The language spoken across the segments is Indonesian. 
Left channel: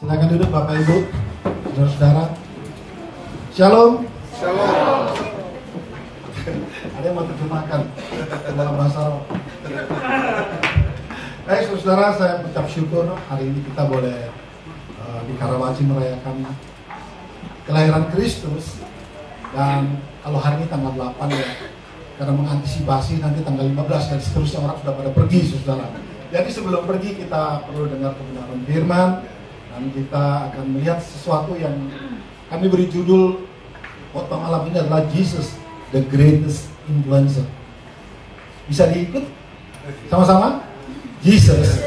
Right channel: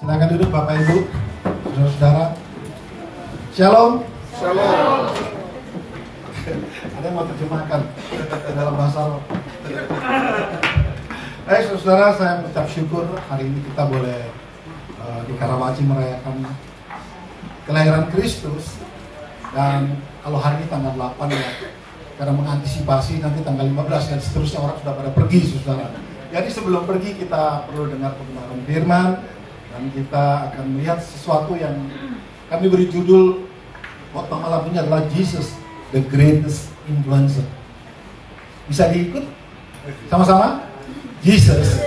Silakan duduk Bapak Ibu, saudara-saudara. Shalom. Shalom. Ada yang mau terjemahkan dalam bahasa Arab? Baik, saudara, saya mengucap syukur hari ini kita boleh di Karawaci merayakan kelahiran Kristus. Dan kalau hari ini tanggal 8 ya, karena mengantisipasi nanti tanggal 15 dan seterusnya orang sudah pada pergi, saudara. Jadi sebelum pergi kita perlu dengar kebenaran firman. Dan kita akan melihat sesuatu yang kami beri judul waktu malam ini adalah Jesus, the greatest influencer. Bisa diikut sama-sama? Jesus,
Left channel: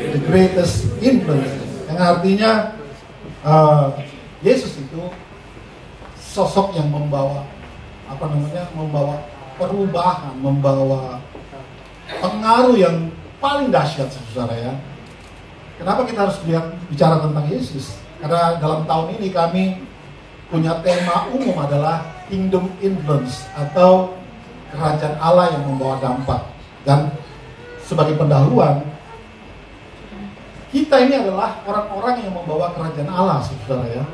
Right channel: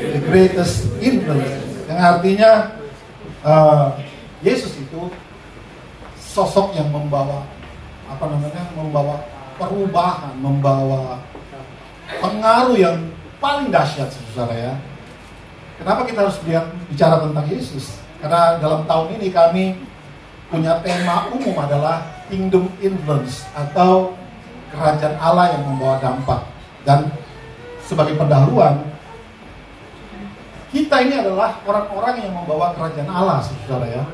the greatest influencer. Yang artinya Yesus itu sosok yang membawa membawa perubahan, membawa pengaruh yang paling dahsyat, saudara ya. Kenapa kita harus bicara tentang Yesus? Karena dalam tahun ini kami punya tema umum adalah Kingdom Influence atau kerajaan Allah yang membawa dampak. Dan sebagai pendahuluan, kita ini adalah orang-orang yang membawa kerajaan Allah, saudara ya.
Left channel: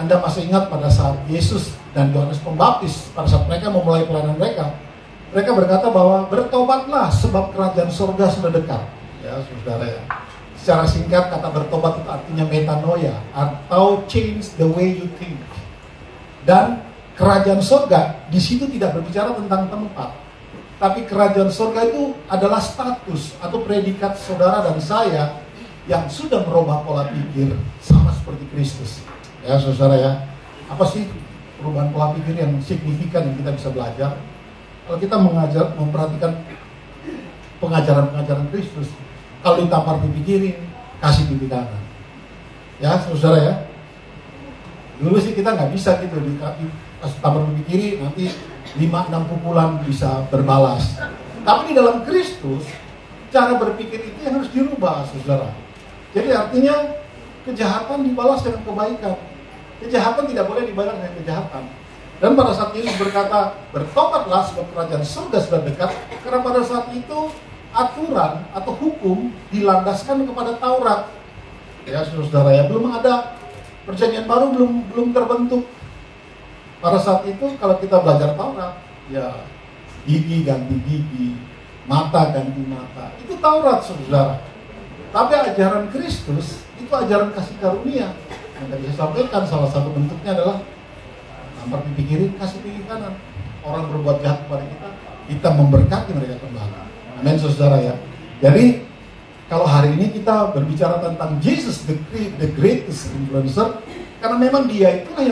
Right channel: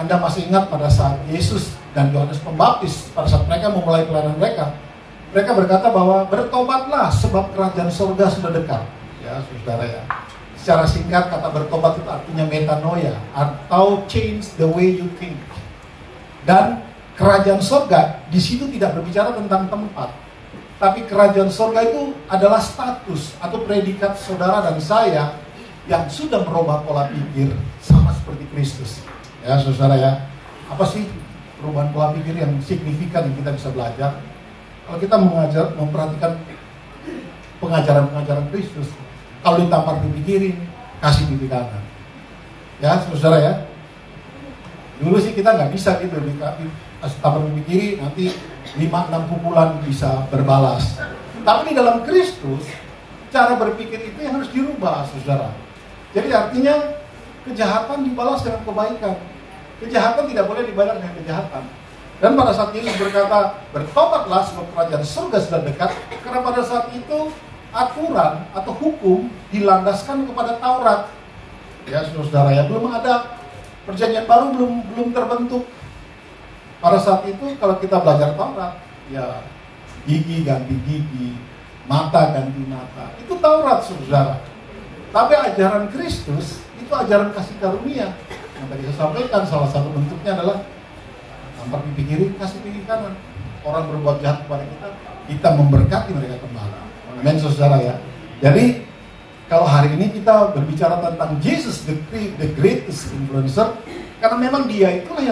Anda masih ingat pada saat Yesus dan Yohanes Pembaptis, pada saat mereka memulai pelayanan mereka berkata bahwa bertobatlah sebab kerajaan surga sudah dekat. Ya, saudara ya. Secara singkat, kata bertobat itu artinya metanoia atau change the way you think. Dan kerajaan surga di situ tidak berbicara tentang tempat, tapi kerajaan surga itu adalah status atau predikat saudara dan saya yang sudah merubah pola pikir sama seperti Kristus. Ya, saudara ya. Apa sih perubahan pola pikir yang signifikan yang kita bisa belajar? Kalau kita memperhatikan pengajaran-pengajaran Kristus, kalau ditampar pipi kiri, kasih pipi kanan. Ya, saudara ya. Dulu sih kita nggak bisa gitu, kasih tampar pipi kiri, nanti 5-6 pukulan bisa berbalas. Tapi di dalam Kristus, cara berpikir itu yang harus dirubah, saudara. Jadi artinya, kejahatan dibalas dengan kebaikan. Kejahatan tidak boleh dibalas dengan kejahatan. Dan pada saat Yesus berkata, bertobatlah sebab kerajaan surga sudah dekat, karena pada saat itu aturan atau hukum dilandaskan kepada Taurat. Ya, saudara ya, belum ada perjanjian baru, belum terbentuk. Pada saat itu kalau kita belajar Taurat, ya gigi ganti gigi, mata ganti mata, itu Taurat, saudara. Tapi ajaran Kristus itu ajaran kasih karunia. Yang tadi saya sampaikan, salah satu bentuknya adalah tampar pipi kiri, kasih pipi kanan. Orang berbuat jahat kepada kita memberkati mereka kembali. Amin, saudara ya. Jadi kalau hari ini kita berbicara tentang Jesus, the greatest influencer, karena memang dia itulah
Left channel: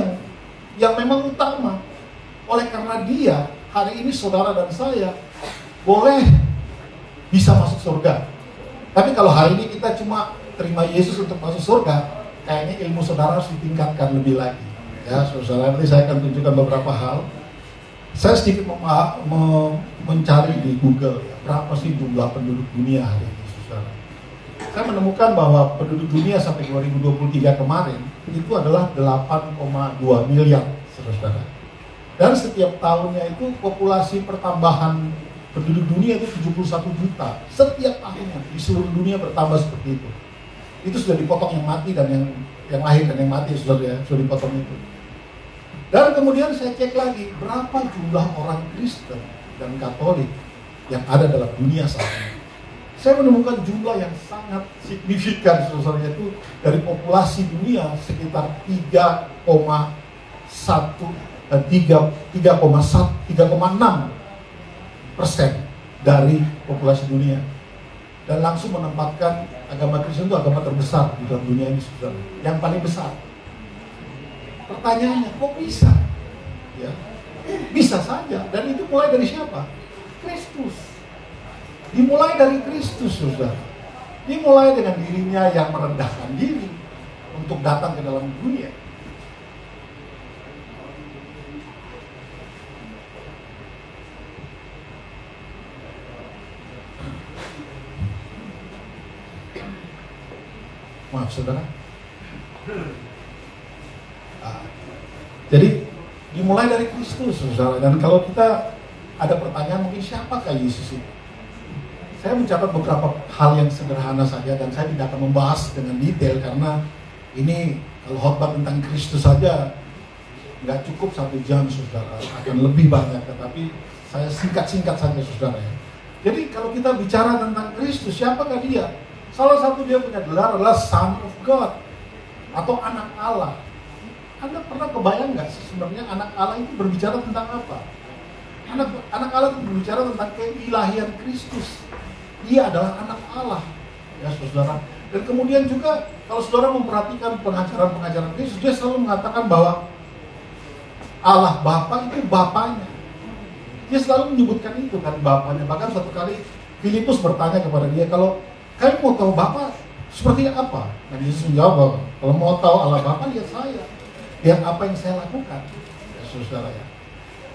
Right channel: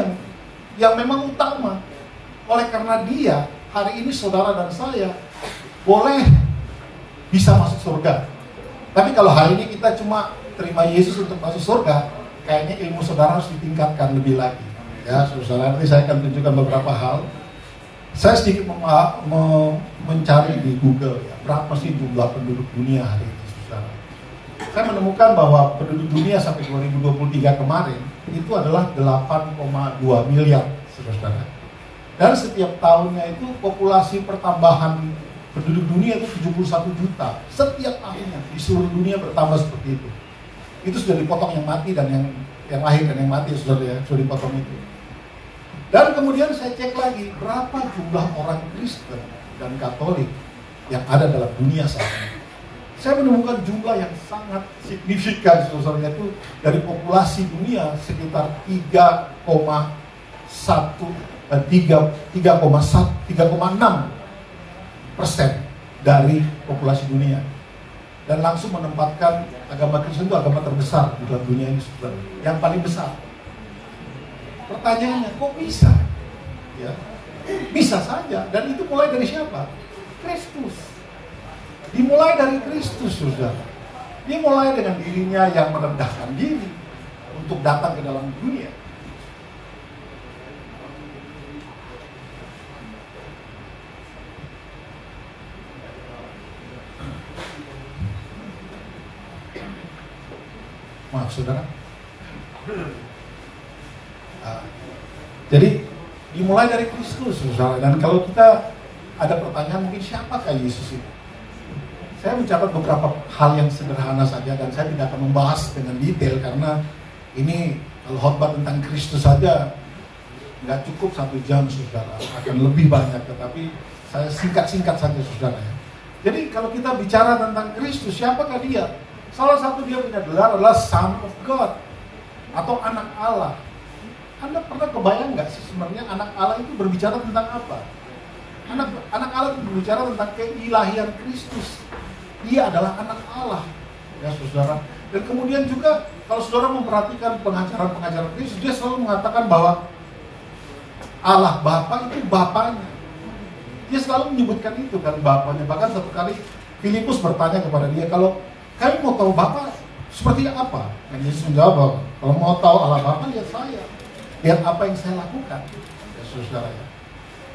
yang memang utama. Oleh karena dia, hari ini saudara dan saya boleh bisa masuk surga. Tapi kalau hari ini kita cuma terima Yesus untuk masuk surga, kayaknya ilmu saudara harus ditingkatkan lebih lagi. Ya, saudara, nanti saya akan tunjukkan beberapa hal. Saya sedikit mencari di Google ya, berapa sih jumlah penduduk dunia hari ini, saudara. Saya menemukan bahwa penduduk dunia sampai 2023 kemarin itu adalah 8,2 miliar, saudara. Dan setiap tahunnya itu populasi pertambahan penduduk dunia itu 71 juta. Setiap tahunnya di seluruh dunia bertambah seperti itu. Itu sudah dipotong yang mati dan yang lahir dan yang mati, saudara ya, sudah dipotong itu. Dan kemudian saya cek lagi berapa jumlah orang Kristen dan Katolik yang ada dalam dunia saat ini. Saya menemukan jumlah yang sangat signifikan, saudara, itu dari populasi dunia sekitar 3,6% dari populasi dunia. Dan langsung menempatkan agama Kristen itu agama terbesar di dalam dunia ini, saudara. Yang paling besar. Pertanyaannya, kok bisa? Ya, bisa saja. Dan itu mulai dari siapa? Kristus. Dimulai dari Kristus, saudara. Dimulai dengan dirinya yang merendahkan diri untuk datang ke dalam dunia. Maaf, saudara. Jadi dimulai dari Kristus, saudara. Dan kalau kita ada pertanyaan, mungkin siapakah Yesus itu? Saya mencatat beberapa hal yang sederhana saja dan saya tidak akan membahas dengan detail karena Ini kalau khotbah tentang Kristus saja nggak cukup 1 jam, saudara, akan lebih banyak, tetapi saya singkat-singkat saja, saudara. Jadi kalau kita bicara tentang Kristus, siapakah dia? Salah satu dia punya gelar adalah Son of God atau anak Allah. Anda pernah kebayang nggak sih sebenarnya anak Allah itu berbicara tentang apa? Anak Allah itu berbicara tentang keilahian Kristus. Dia adalah anak Allah, ya saudara. Dan kemudian juga kalau saudara memperhatikan pengajaran Kristus, dia selalu mengatakan bahwa Allah Bapa itu Bapanya. Dia selalu menyebutkan itu kan, Bapanya. Bahkan satu kali Filipus bertanya kepada dia, kalau kami mau tahu Bapa seperti apa? Dan Yesus menjawab, kalau mau tahu Allah Bapa, lihat saya. Lihat apa yang saya lakukan, ya, saudara.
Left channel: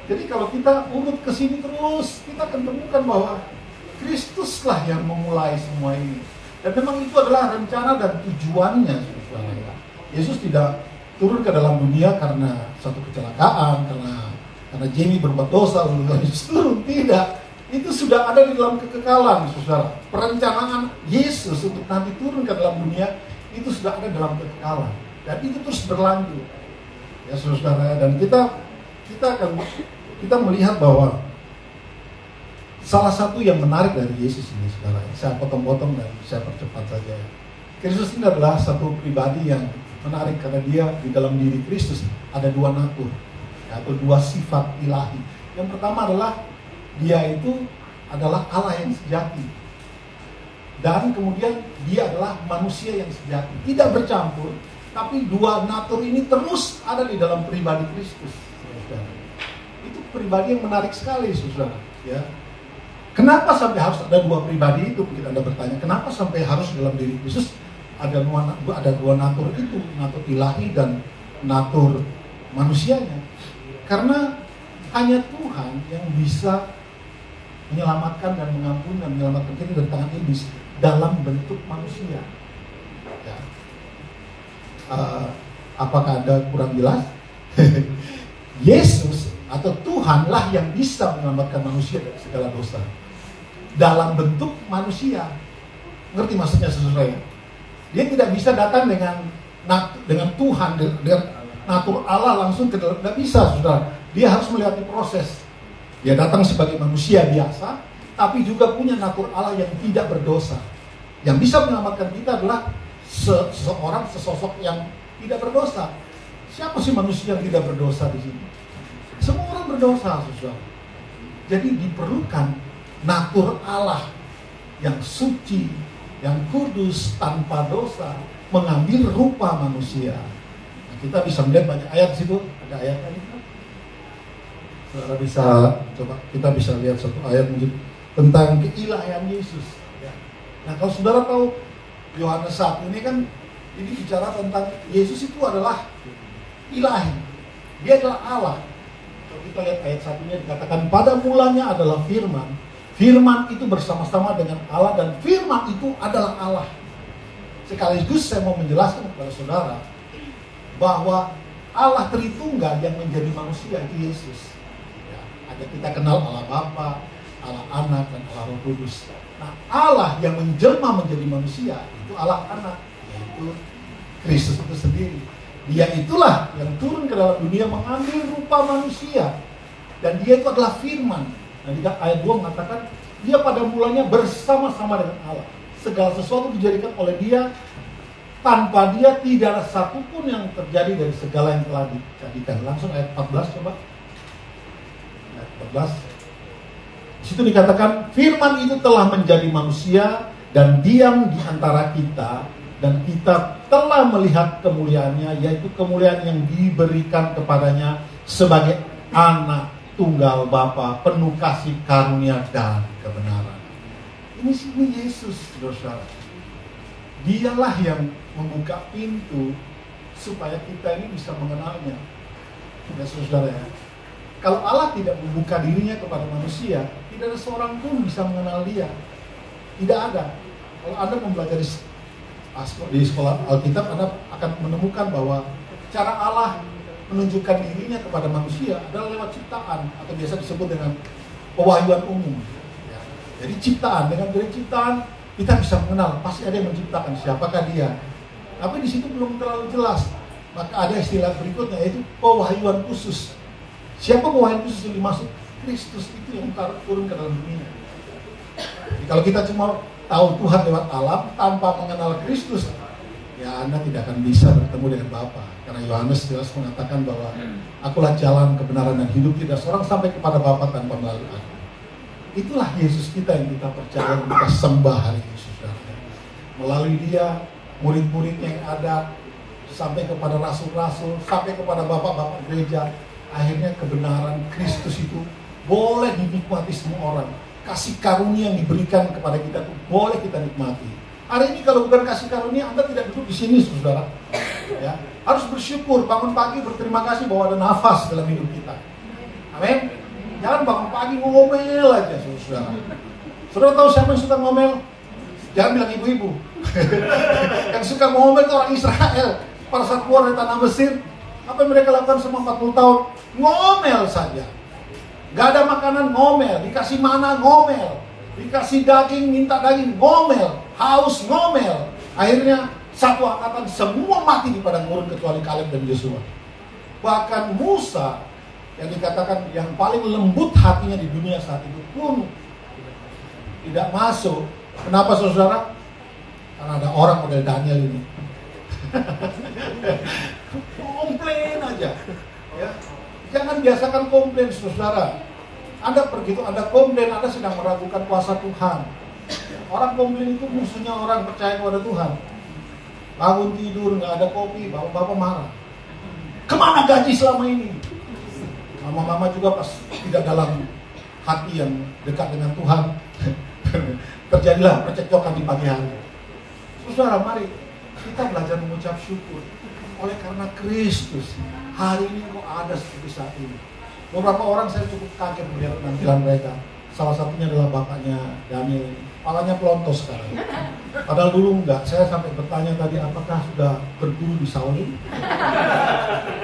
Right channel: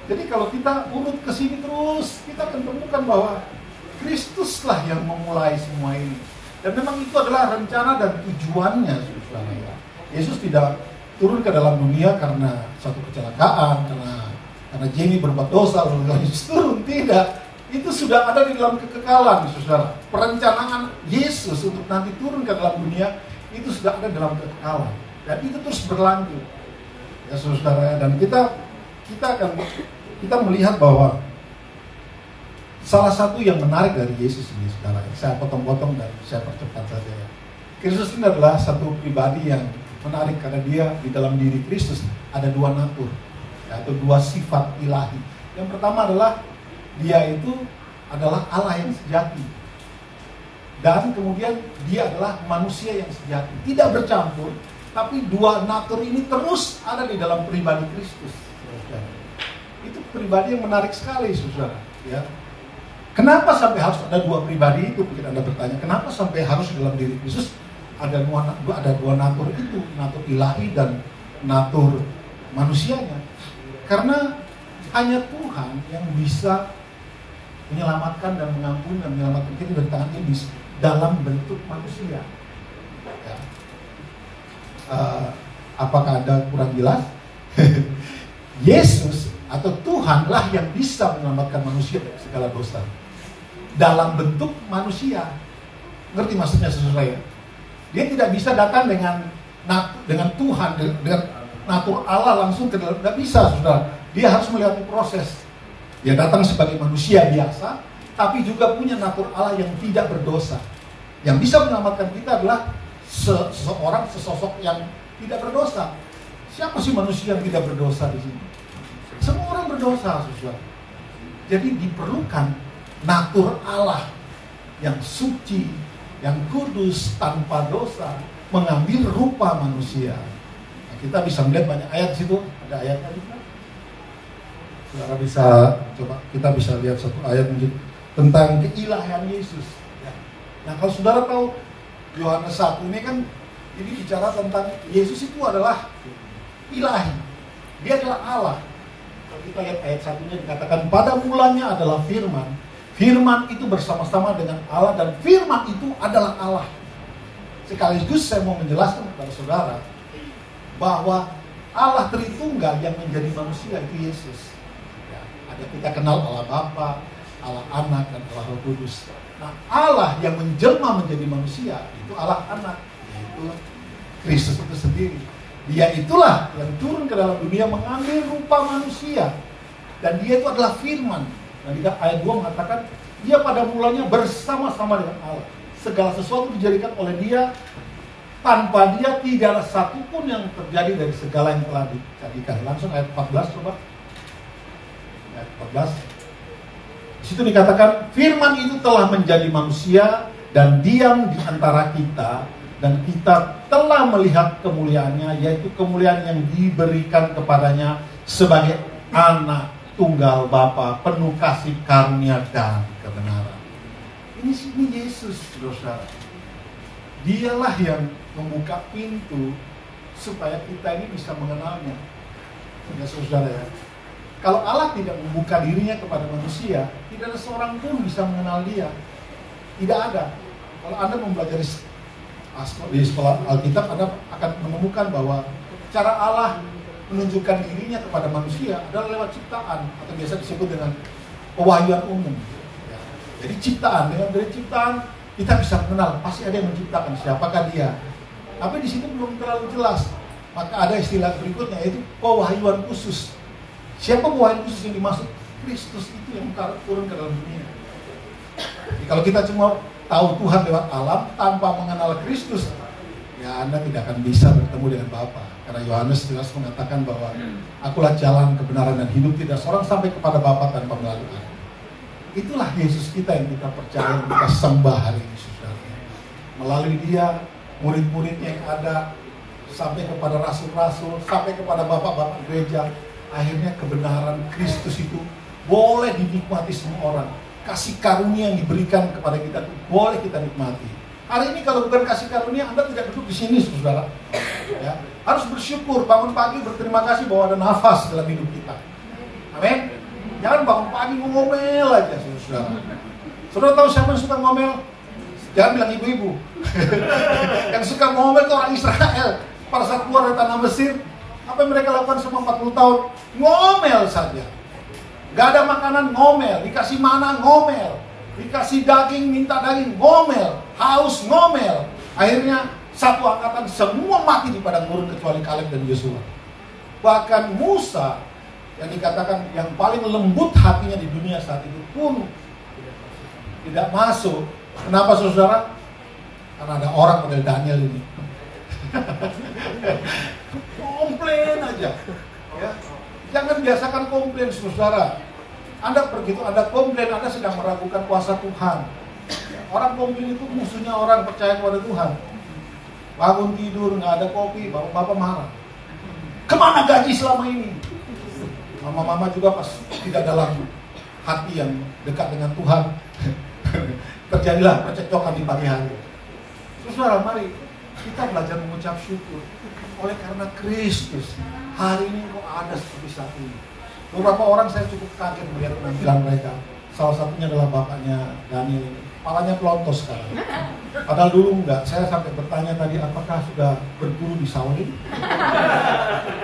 Jadi kalau kita urut ke sini terus, kita akan temukan bahwa Kristuslah yang memulai semua ini. Dan memang itu adalah rencana dan tujuannya, saudara. Yesus tidak turun ke dalam dunia karena suatu kecelakaan, karena Jamie berbuat dosa lalu Yesus turun. Tidak, itu sudah ada di dalam kekekalan, saudara. Perencanaan Yesus untuk nanti turun ke dalam dunia itu sudah ada dalam kekekalan, dan itu terus berlanjut, ya saudara. Dan kita melihat bahwa salah satu yang menarik dari Yesus ini, saudara, saya potong-potong dan saya percepat saja ya. Kristus ini adalah satu pribadi yang menarik karena dia di dalam diri Kristus ada 2 natur, atau 2 sifat ilahi. Yang pertama adalah dia itu adalah Allah yang sejati, dan kemudian dia adalah manusia yang sejati, tidak bercampur, tapi 2 natur ini terus ada di dalam pribadi Kristus. Itu pribadi yang menarik sekali, saudara. Ya. Kenapa sampai harus ada 2 pribadi itu? Mungkin Anda bertanya, kenapa sampai harus dalam diri Kristus ada dua natur itu, natur ilahi dan natur manusianya? Karena hanya Tuhan yang bisa menyelamatkan dan mengampuni dan menyelamatkan kita dari tangan iblis dalam bentuk manusia. Ya. Apakah Anda kurang jelas? Yesus atau Tuhanlah yang bisa menyelamatkan manusia dari segala dosa dalam bentuk manusia. Ngerti maksudnya, saudara? Dia tidak bisa datang dengan Tuhan, dengan natur Allah langsung ke dalam, nggak bisa, saudara. Dia harus melewati proses. Dia datang sebagai manusia biasa, tapi juga punya natur Allah yang tidak berdosa. Yang bisa menyelamatkan kita adalah sesosok yang tidak berdosa. Siapa sih manusia yang tidak berdosa di sini? Semua orang berdosa, saudara. Jadi diperlukan natur Allah yang suci, yang kudus, tanpa dosa, mengambil rupa manusia. Nah, kita bisa melihat banyak ayat di situ. Ada ayatnya itu. Saudara bisa coba, kita bisa lihat satu ayat tentang keilahian Yesus. Ya. Nah, kalau saudara tahu Yohanes 1 ini kan ini bicara tentang Yesus itu adalah ilahi. Dia adalah Allah. Kalau kita lihat ayat 1-nya dikatakan pada mulanya adalah firman. Firman itu bersama-sama dengan Allah dan firman itu adalah Allah. Sekaligus saya mau menjelaskan kepada saudara bahwa Allah Tritunggal yang menjadi manusia itu Yesus. Ya, ada kita kenal Allah Bapa, Allah Anak, dan Allah Roh Kudus. Nah, Allah yang menjelma menjadi manusia itu Allah Anak, yaitu Kristus itu sendiri. Dia itulah yang turun ke dalam dunia mengambil rupa manusia, dan dia itu adalah firman. Dan ayat 2 mengatakan dia pada mulanya bersama-sama dengan Allah. Segala sesuatu dijadikan oleh dia. Tanpa dia tidak ada satupun yang terjadi dari segala yang telah dijadikan. Langsung ayat 14 coba. Ayat 14. Di situ dikatakan firman itu telah menjadi manusia dan diam di antara kita, dan kita telah melihat kemuliaannya, yaitu kemuliaan yang diberikan kepadanya sebagai anak tunggal Bapa, penuh kasih karunia dan kebenaran. Ini Yesus, saudara. Dialah yang membuka pintu supaya kita ini bisa mengenalnya. Ya saudara ya. Kalau Allah tidak membuka dirinya kepada manusia, tidak ada seorang pun bisa mengenal dia. Tidak ada. Kalau Anda mempelajari di sekolah Alkitab, Anda akan menemukan bahwa cara Allah menunjukkan dirinya kepada manusia adalah lewat ciptaan, atau biasa disebut dengan pewahyuan umum. Ya. Jadi ciptaan, dengan dari ciptaan kita bisa mengenal, pasti ada yang menciptakan, siapakah dia. Tapi di situ belum terlalu jelas. Maka ada istilah berikutnya, yaitu pewahyuan khusus. Siapa pewahyuan khusus yang dimaksud? Kristus itu yang turun ke dalam dunia. Jadi kalau kita cuma tahu Tuhan lewat alam tanpa mengenal Kristus, ya Anda tidak akan bisa bertemu dengan Bapa. Karena Yohanes jelas mengatakan bahwa akulah jalan, kebenaran, dan hidup. Tidak seorang sampai kepada Bapa tanpa melalui aku. Itulah Yesus kita yang kita percaya, yang kita sembah hari ini, saudara. Melalui Dia, murid-muridnya yang ada, sampai kepada rasul-rasul, sampai kepada bapak-bapak gereja, akhirnya kebenaran Kristus itu boleh dinikmati semua orang. Kasih karunia yang diberikan kepada kita itu boleh kita nikmati. Hari ini kalau bukan kasih karunia, Anda tidak duduk di sini, saudara. Ya, harus bersyukur, bangun pagi berterima kasih bahwa ada nafas dalam hidup kita. Amin. Jangan bangun pagi ngomel aja, saudara. Saudara tahu siapa yang suka ngomel? Jangan bilang ibu-ibu. Yang suka ngomel itu orang Israel. Pada saat keluar dari tanah Mesir, apa yang mereka lakukan selama 40 tahun? Ngomel saja. Gak ada makanan, ngomel. Dikasih mana, ngomel. Dikasih daging, minta daging, ngomel. Haus, ngomel. Akhirnya satu angkatan semua mati di padang gurun kecuali Kaleb dan Yosua. Bahkan Musa yang dikatakan yang paling lembut hatinya di dunia saat itu pun tidak masuk. Kenapa, saudara? Karena ada orang model Daniel ini. Komplain aja, ya. Jangan biasakan komplain, saudara. Anda begitu Anda komplain, Anda sedang meragukan kuasa Tuhan. Orang komplain itu musuhnya orang percaya kepada Tuhan. Bangun tidur nggak ada kopi, bapak marah. Kemana gaji selama ini? Mama-mama juga pas tidak dalam hati yang dekat dengan Tuhan, terjadilah percekcokan di pagi hari. Saudara, mari kita belajar mengucap syukur. Oleh karena Kristus, hari ini kok ada seperti saat ini. Beberapa orang saya cukup kaget melihat penampilan mereka. Salah satunya adalah bapaknya Daniel ini. Kepalanya pelontos sekarang. Padahal dulu enggak. Saya sampai bertanya tadi, apakah sudah berguru di Saudi?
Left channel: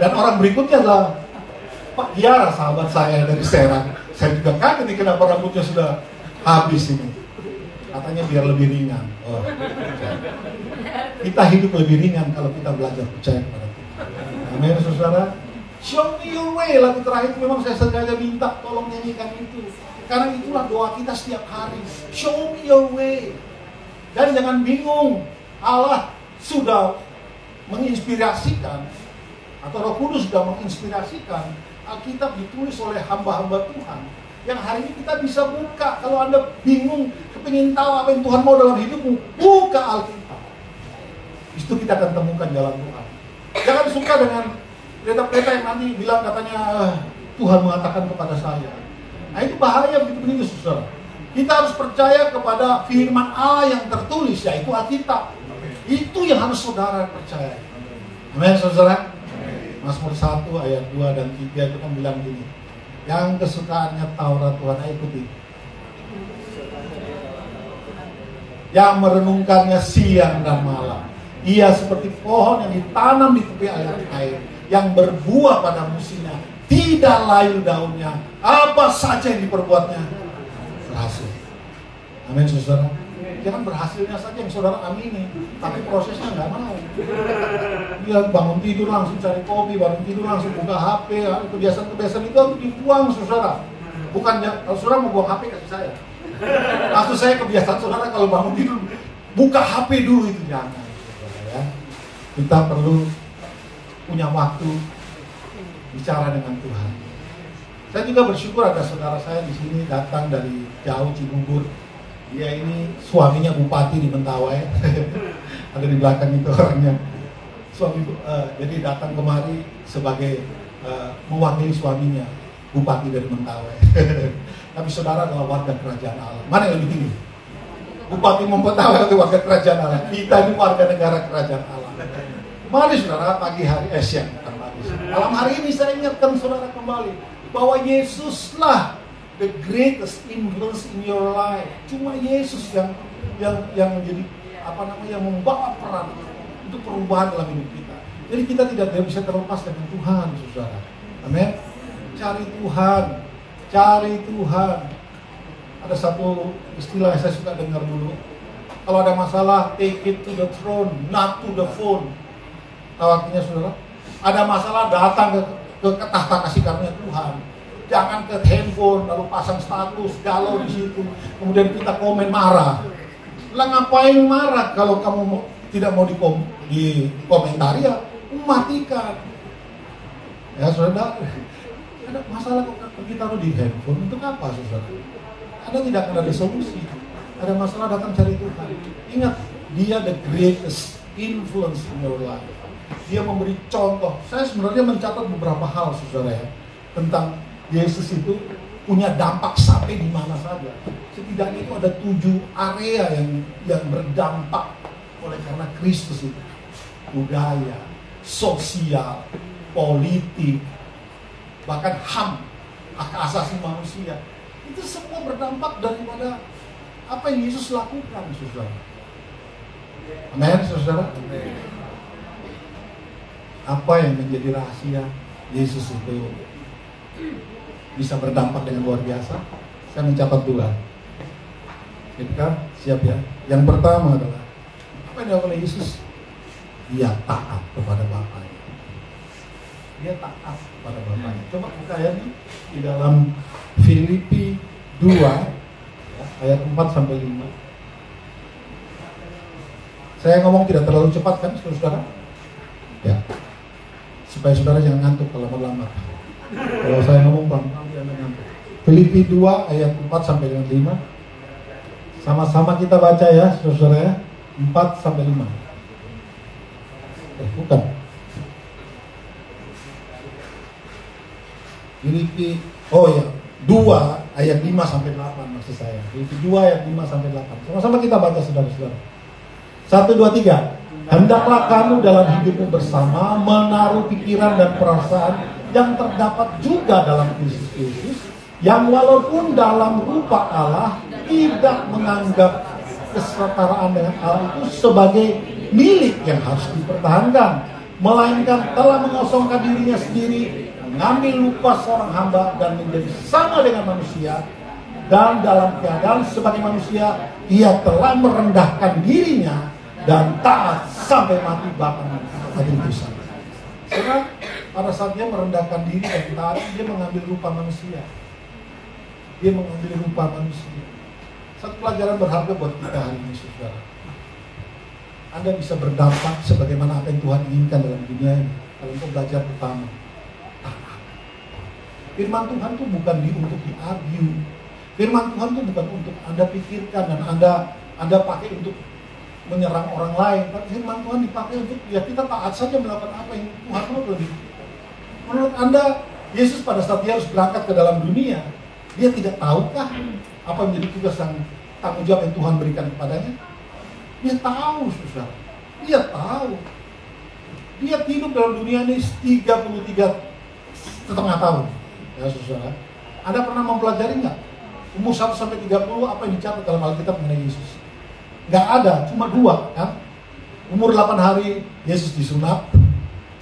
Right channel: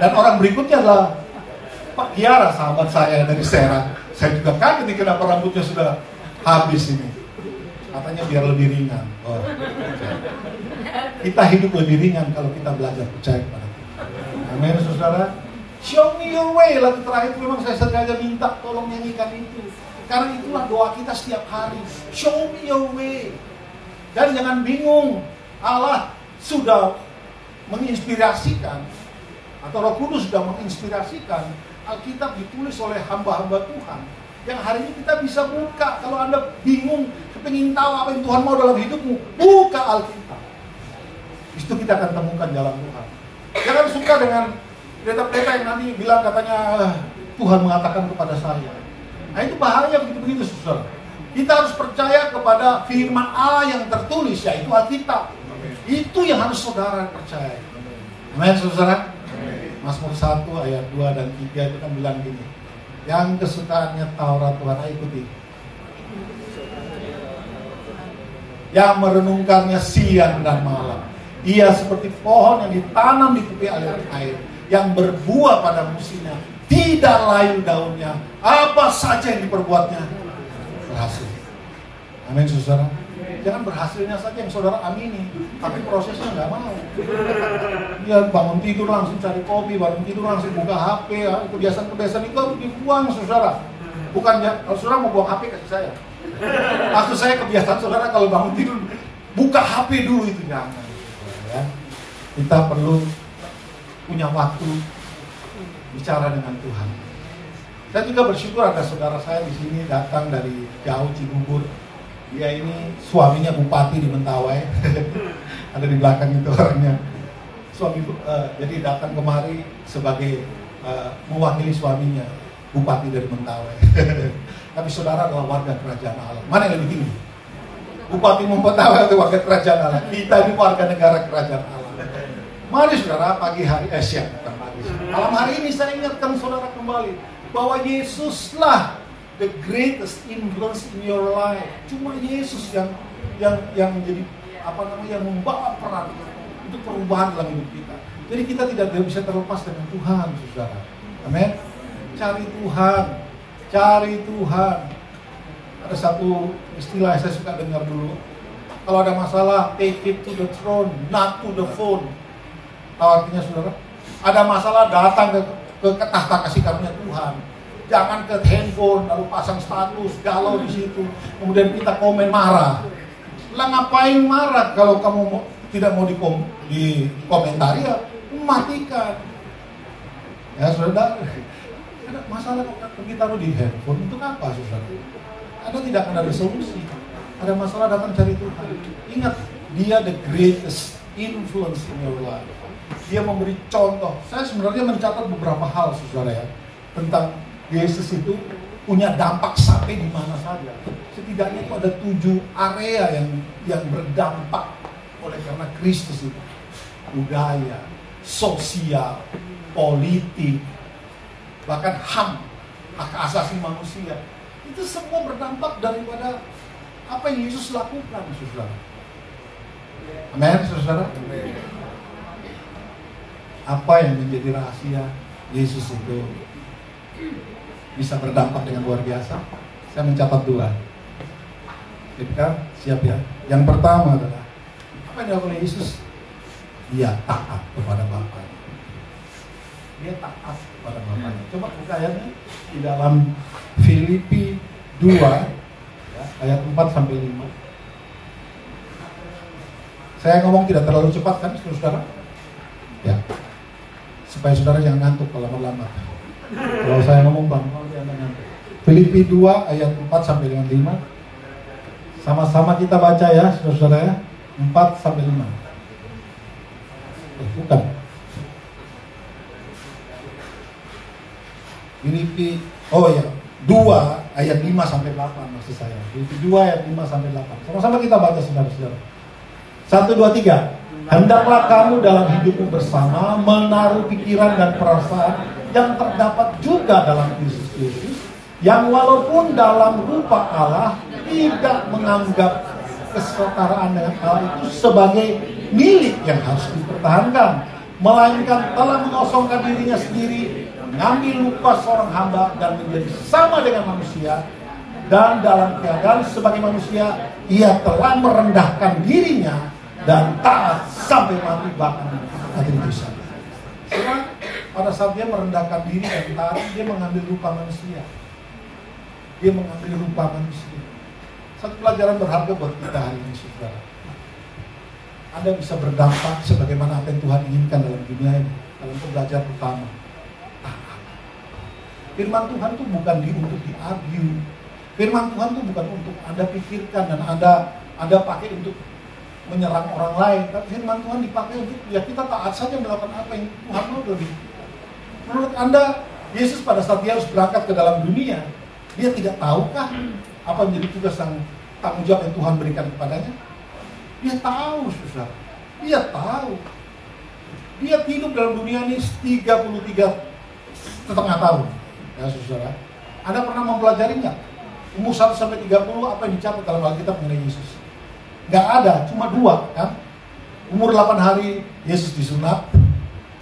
Dan orang berikutnya adalah Pak Giara, sahabat saya dari Serang. Saya juga kaget nih kenapa rambutnya sudah habis ini. Katanya biar lebih ringan. Oh. Kita hidup lebih ringan kalau kita belajar percaya kepada Tuhan. Amin, saudara. Show me your way. Lagu terakhir memang saya sengaja minta tolong nyanyikan itu. Karena itulah doa kita setiap hari. Show me your way. Dan jangan bingung. Allah sudah menginspirasikan, atau Roh Kudus sudah menginspirasikan Alkitab ditulis oleh hamba-hamba Tuhan. Yang hari ini kita bisa buka. Kalau Anda bingung, kepingin tahu apa yang Tuhan mau dalam hidupmu, buka Alkitab. Itu kita akan temukan jalan Tuhan. Jangan suka dengan pendeta-pendeta yang nanti bilang katanya Tuhan mengatakan kepada saya. Nah itu bahaya begitu saudara. Kita harus percaya kepada firman A yang tertulis, yaitu Alkitab. Itu yang harus saudara percaya. Amin, saudara. Mazmur 1 ayat 2 dan 3 itu kan bilang gini. Yang kesukaannya Taurat Tuhan, ikuti. Yang merenungkannya siang dan malam. Dia seperti pohon yang ditanam di tepi aliran air, yang berbuah pada musimnya, tidak layu daunnya, apa saja yang diperbuatnya berhasil. Amin, saudara. Jangan berhasilnya saja yang saudara amini, tapi prosesnya nggak mau. Dia bangun tidur langsung cari kopi, bangun tidur langsung buka HP. Kebiasaan-kebiasaan itu harus dibuang, saudara. Bukan ya, kalau saudara mau buang HP kasih saya. Maksud saya kebiasaan saudara kalau bangun tidur buka HP dulu, itu jangan. Ya. Kita perlu punya waktu bicara dengan Tuhan. Saya juga bersyukur ada saudara saya di sini datang dari jauh Cibubur. Dia ini suaminya bupati di Mentawai. Ada di belakang itu orangnya. Jadi datang kemari sebagai mewakili suaminya, bupati dari Mentawai. Tapi saudara adalah warga kerajaan Allah. Mana yang lebih tinggi? Bupati Mentawai itu warga kerajaan Allah. Kita ini warga negara kerajaan Allah. Mari saudara pagi hari siang bukan pagi. Malam hari ini saya ingatkan saudara kembali bahwa Yesuslah the greatest influence in your life. Cuma Yesus yang menjadi yang membawa peran untuk perubahan dalam hidup kita. Jadi kita tidak bisa terlepas dengan Tuhan, saudara. Amin. Cari Tuhan, cari Tuhan. Ada satu istilah yang saya suka dengar dulu. Kalau ada masalah, take it to the throne, not to the phone. Tahu artinya saudara? Ada masalah, datang ke tahta kasih karunia Tuhan. Jangan ke handphone, lalu pasang status, galau di situ. Kemudian kita komen marah. Lah ngapain marah kalau kamu tidak mau dikomentari ya matikan. Ya saudara, ada masalah kita taruh di handphone untuk apa saudara? Ada tidak akan ada solusi. Ada masalah datang cari Tuhan. Ingat, dia the greatest influence in your life. Dia memberi contoh. Saya sebenarnya mencatat beberapa hal saudara ya, tentang Yesus itu punya dampak sampai di mana saja. Setidaknya itu ada 7 area yang berdampak oleh karena Kristus itu. Budaya, sosial, politik, bahkan HAM, hak asasi manusia. Itu semua berdampak daripada apa yang Yesus lakukan, saudara. Amin, saudara. Apa yang menjadi rahasia Yesus itu bisa berdampak dengan luar biasa? Saya mencatat dulu. Ketika siap ya. Yang pertama adalah apa yang dilakukan Yesus? Dia taat kepada Bapaknya. Dia taat kepada Bapaknya. Coba buka ayatnya di dalam Filipi 2 ya, ayat 4 sampai 5. Saya ngomong tidak terlalu cepat kan, saudara? Ya. Supaya saudara jangan ngantuk kalau lama-lama. Kalau saya ngomong pelan-pelan jangan ngantuk. Filipi 2 ayat 4 sampai dengan 5. Sama-sama kita baca ya, saudara ya. 4 sampai 5. Bukan. Filipi 2 ayat 5 sampai 8 maksud saya. Filipi 2 ayat 5 sampai 8. Sama-sama kita baca saudara-saudara. 1, 2, 3. Hendaklah kamu dalam hidupmu bersama menaruh pikiran dan perasaan yang terdapat juga dalam Kristus Yesus, yang walaupun dalam rupa Allah tidak menganggap kesetaraan dengan Allah itu sebagai milik yang harus dipertahankan, melainkan telah mengosongkan dirinya sendiri, mengambil rupa seorang hamba dan menjadi sama dengan manusia, dan dalam keadaan sebagai manusia ia telah merendahkan dirinya dan taat sampai mati bahkan mati bisa. Karena pada saat dia merendahkan diri dan taat, dia mengambil rupa manusia. Dia mengambil rupa manusia. Satu pelajaran berharga buat kita hari ini, saudara. Anda bisa berdampak sebagaimana apa yang Tuhan inginkan dalam dunia ini. Dalam belajar pertama, taat. Firman Tuhan itu bukan untuk di-argue. Firman Tuhan itu bukan untuk Anda pikirkan dan Anda pakai untuk menyerang orang lain. Tapi firman Tuhan dipakai untuk ya kita taat saja melakukan apa yang Tuhan mau. Menurut Anda, Yesus pada saat dia harus berangkat ke dalam dunia, dia tidak tahukah apa menjadi tugas dan tanggung jawab yang Tuhan berikan kepadanya? Dia tahu, saudara. Dia tahu. Dia hidup dalam dunia ini 33,5 tahun. Ya, saudara. Anda pernah mempelajari nggak? Umur 1 sampai 30 apa yang dicatat dalam Alkitab mengenai Yesus? Nggak ada, cuma 2 kan? Umur 8 hari Yesus disunat,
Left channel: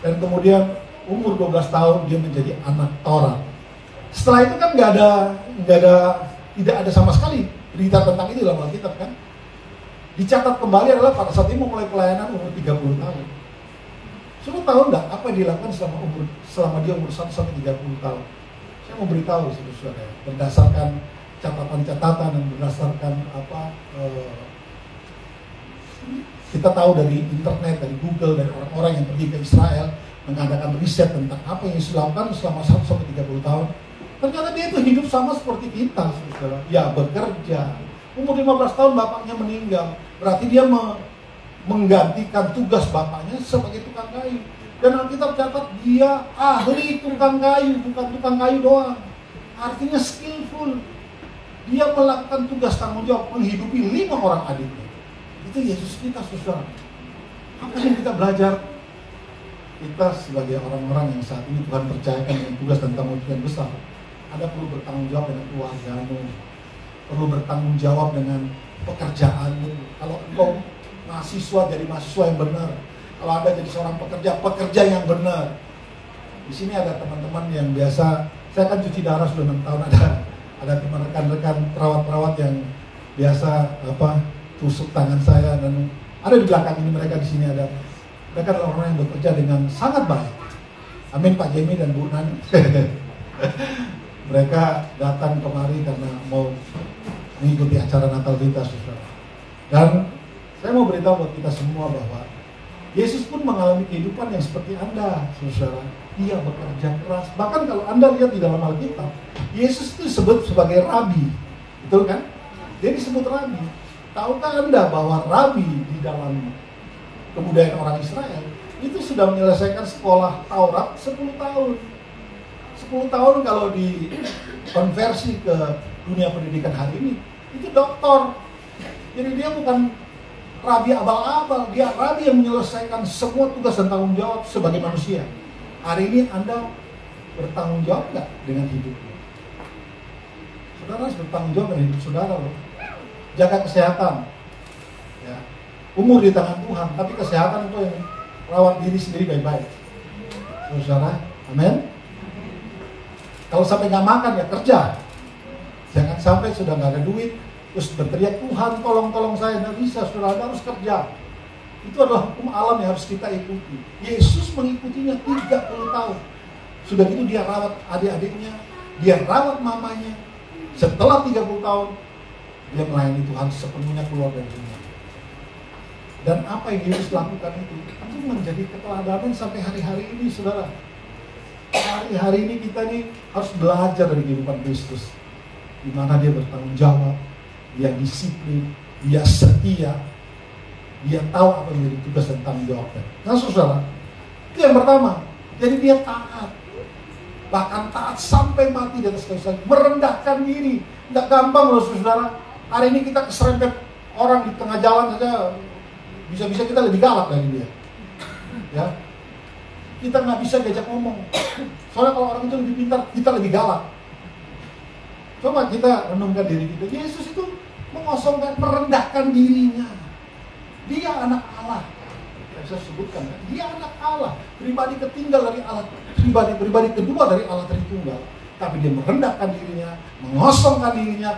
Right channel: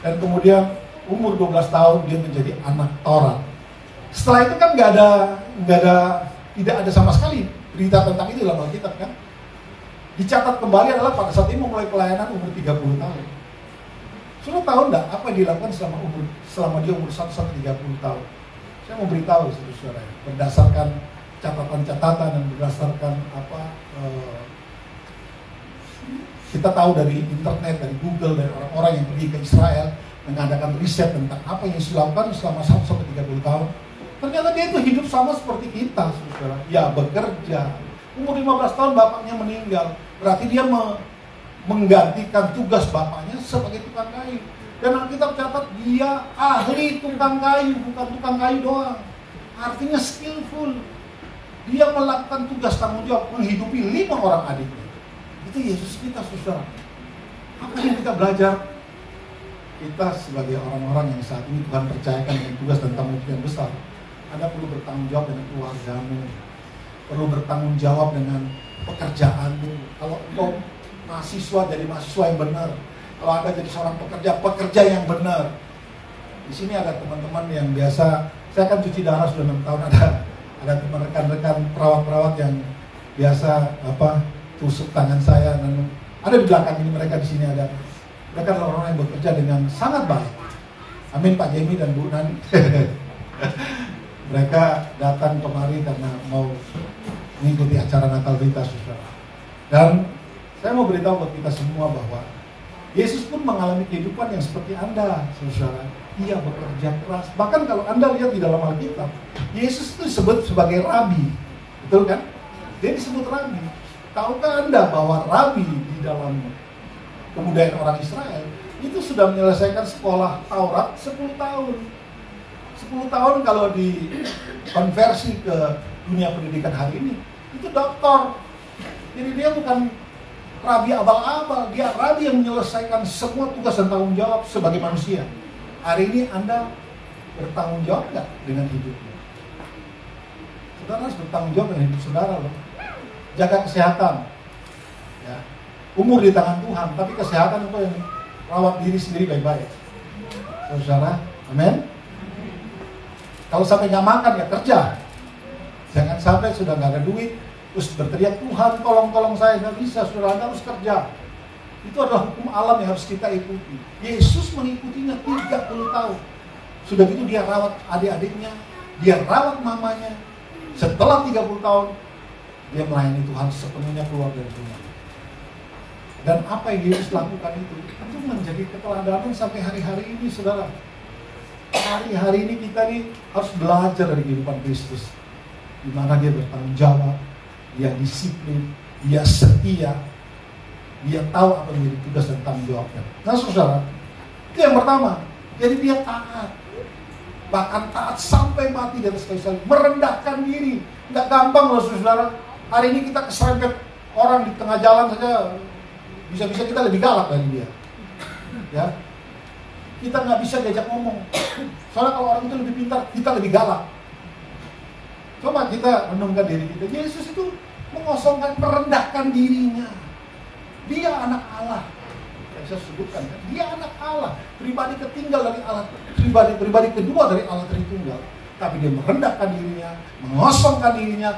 dan kemudian umur 12 tahun dia menjadi anak Taurat. Setelah itu kan tidak ada sama sekali berita tentang itu dalam Alkitab kan? Dicatat kembali adalah pada saat ini memulai pelayanan umur 30 tahun. Sudah tahu nggak apa yang dilakukan selama dia umur 1 sampai 30 tahun? Saya mau beritahu saudara, berdasarkan catatan-catatan dan berdasarkan kita tahu dari internet, dari Google, dari orang-orang yang pergi ke Israel mengadakan riset tentang apa yang Yesus lakukan selama 1 sampai 30 tahun. Ternyata dia itu hidup sama seperti kita, saudara. Ya, bekerja. Umur 15 tahun bapaknya meninggal. Berarti dia menggantikan tugas bapaknya sebagai tukang kayu. Dan Alkitab catat dia ahli tukang kayu, bukan tukang kayu doang. Artinya skillful. Dia melakukan tugas tanggung jawab menghidupi 5 orang adiknya. Itu Yesus kita, saudara. Apa yang kita belajar? Kita sebagai orang-orang yang saat ini Tuhan percayakan dengan tugas dan tanggung jawab yang besar. Anda perlu bertanggung jawab dengan keluargamu, perlu bertanggung jawab dengan pekerjaanmu. Kalau engkau mahasiswa, jadi mahasiswa yang benar. Kalau Anda jadi seorang pekerja yang benar. Di sini ada teman-teman yang biasa, saya kan cuci darah sudah 6 tahun, ada teman rekan-rekan perawat-perawat yang biasa tusuk tangan saya, dan ada di belakang ini mereka di sini ada. Mereka adalah orang yang bekerja dengan sangat baik. Amin Pak Jamie dan Bu Nan. Mereka datang kemari karena mau mengikuti acara Natal kita, saudara. Dan saya mau beritahu buat kita semua bahwa Yesus pun mengalami kehidupan yang seperti Anda, saudara. Dia bekerja keras. Bahkan kalau Anda lihat di dalam Alkitab, Yesus itu disebut sebagai rabi, betul kan? Dia disebut rabi. Tahukah Anda bahwa rabi di dalam kebudayaan orang Israel itu sudah menyelesaikan sekolah Taurat 10 tahun. 10 tahun kalau dikonversi ke dunia pendidikan hari ini, itu doktor. Jadi dia bukan rabi abal-abal, dia rabi yang menyelesaikan semua tugas dan tanggung jawab sebagai manusia. Hari ini Anda bertanggung jawab nggak dengan hidupnya? Saudara harus bertanggung jawab dengan hidup saudara loh. Jaga kesehatan. Ya. Umur di tangan Tuhan, tapi kesehatan itu yang rawat diri sendiri baik-baik. Saudara, amin. Kalau sampai nggak makan ya kerja. Jangan sampai sudah nggak ada duit terus berteriak, Tuhan tolong saya, nggak bisa, saudara harus kerja. Itu adalah hukum alam yang harus kita ikuti. Yesus mengikutinya 30 tahun. Sudah gitu dia rawat adik-adiknya, dia rawat mamanya. Setelah 30 tahun dia melayani Tuhan sepenuhnya keluar dari rumah. Dan apa yang Yesus lakukan itu menjadi keteladanan sampai hari-hari ini, saudara. Hari-hari ini kita harus belajar dari kehidupan Kristus, di mana dia bertanggung jawab, dia disiplin, dia setia, dia tahu apa yang menjadi tugas dan tanggung jawabnya. Nah, saudara, itu yang pertama. Jadi dia taat, bahkan taat sampai mati di atas kayu salib, merendahkan diri. Nggak gampang loh, saudara. Hari ini kita keserempet orang di tengah jalan saja, bisa-bisa kita lebih galak dari dia. Ya, kita nggak bisa diajak ngomong. Soalnya kalau orang itu lebih pintar, kita lebih galak. Coba kita renungkan diri kita. Yesus itu mengosongkan, merendahkan dirinya. Dia anak Allah. Saya sebutkan, dia anak Allah. Pribadi ketinggal dari Allah. Pribadi kedua dari Allah Tritunggal. Tapi dia merendahkan dirinya, mengosongkan dirinya,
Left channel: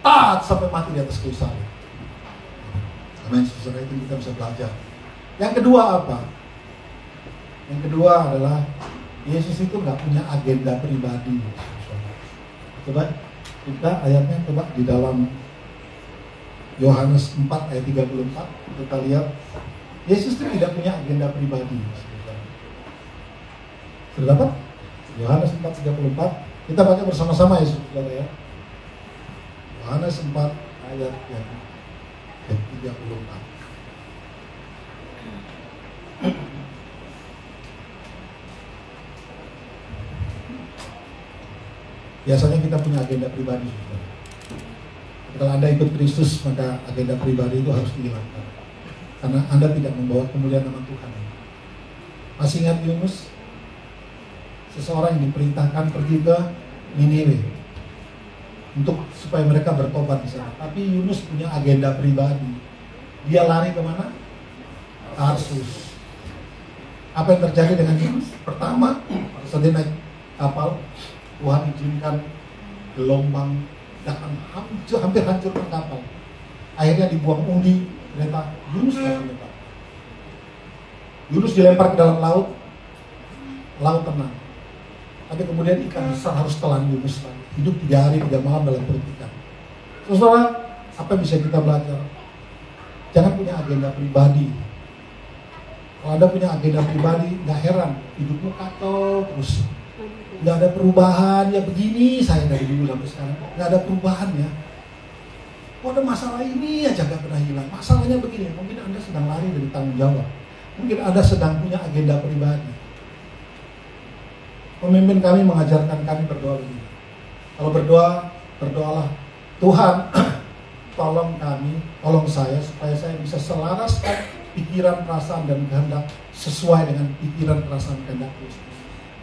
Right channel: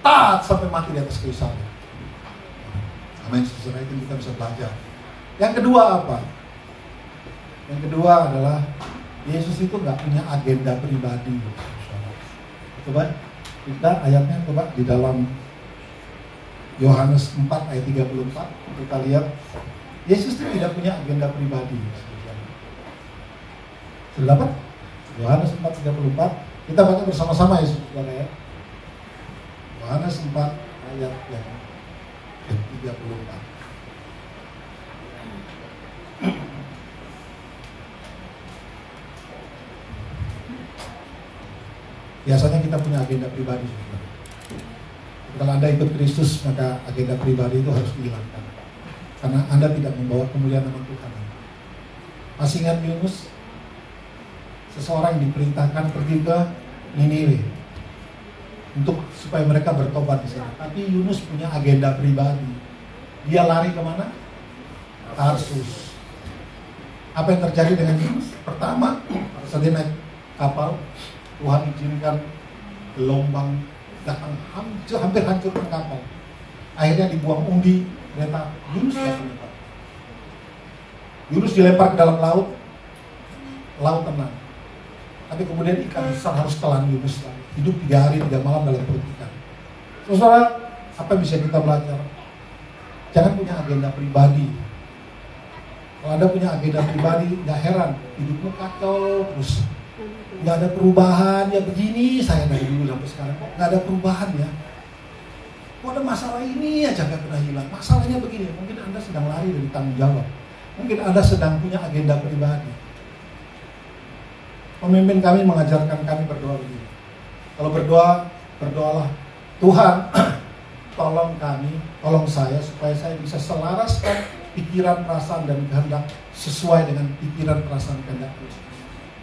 taat sampai mati di atas kayu salib. Amin. Saudara, itu kita bisa belajar. Yang kedua apa? Yang kedua adalah Yesus itu nggak punya agenda pribadi. Coba kita ayatnya coba di dalam Yohanes 4 ayat 34 kita lihat Yesus itu tidak punya agenda pribadi. Sudah dapat? Yohanes 4:34 kita baca bersama-sama ya saudara ya. Yohanes 4 ayat yang 34. Biasanya kita punya agenda pribadi. Kalau Anda ikut Kristus, maka agenda pribadi itu harus dihilangkan. Karena Anda tidak membawa kemuliaan nama Tuhan. Masih ingat Yunus? Seseorang yang diperintahkan pergi ke Niniwe untuk supaya mereka bertobat di sana. Tapi Yunus punya agenda pribadi. Dia lari kemana? Tarsus. Apa yang terjadi dengan Yunus? Pertama, pada saat dia naik kapal, Tuhan izinkan gelombang datang hampir hancurkan kapal. Akhirnya dibuang undi, ternyata Yunus dilempar. Yunus dilempar ke dalam laut, laut tenang. Tapi kemudian ikan besar harus telan Yunus. Hidup 3 hari 3 malam dalam perut ikan. Saudara, apa yang bisa kita belajar? Jangan punya agenda pribadi. Kalau Anda punya agenda pribadi, gak heran hidupmu kacau terus. Gak ada perubahan, ya begini saya dari dulu sampai sekarang. Gak ada perubahan ya. Kok ada masalah ini aja gak pernah hilang. Masalahnya begini, mungkin Anda sedang lari dari tanggung jawab. Mungkin Anda sedang punya agenda pribadi. Pemimpin kami mengajarkan kami berdoa begini. Kalau berdoa, berdoalah, Tuhan tolong kami, tolong saya supaya saya bisa selaraskan pikiran, perasaan dan kehendak sesuai dengan pikiran, perasaan, kehendak Kristus.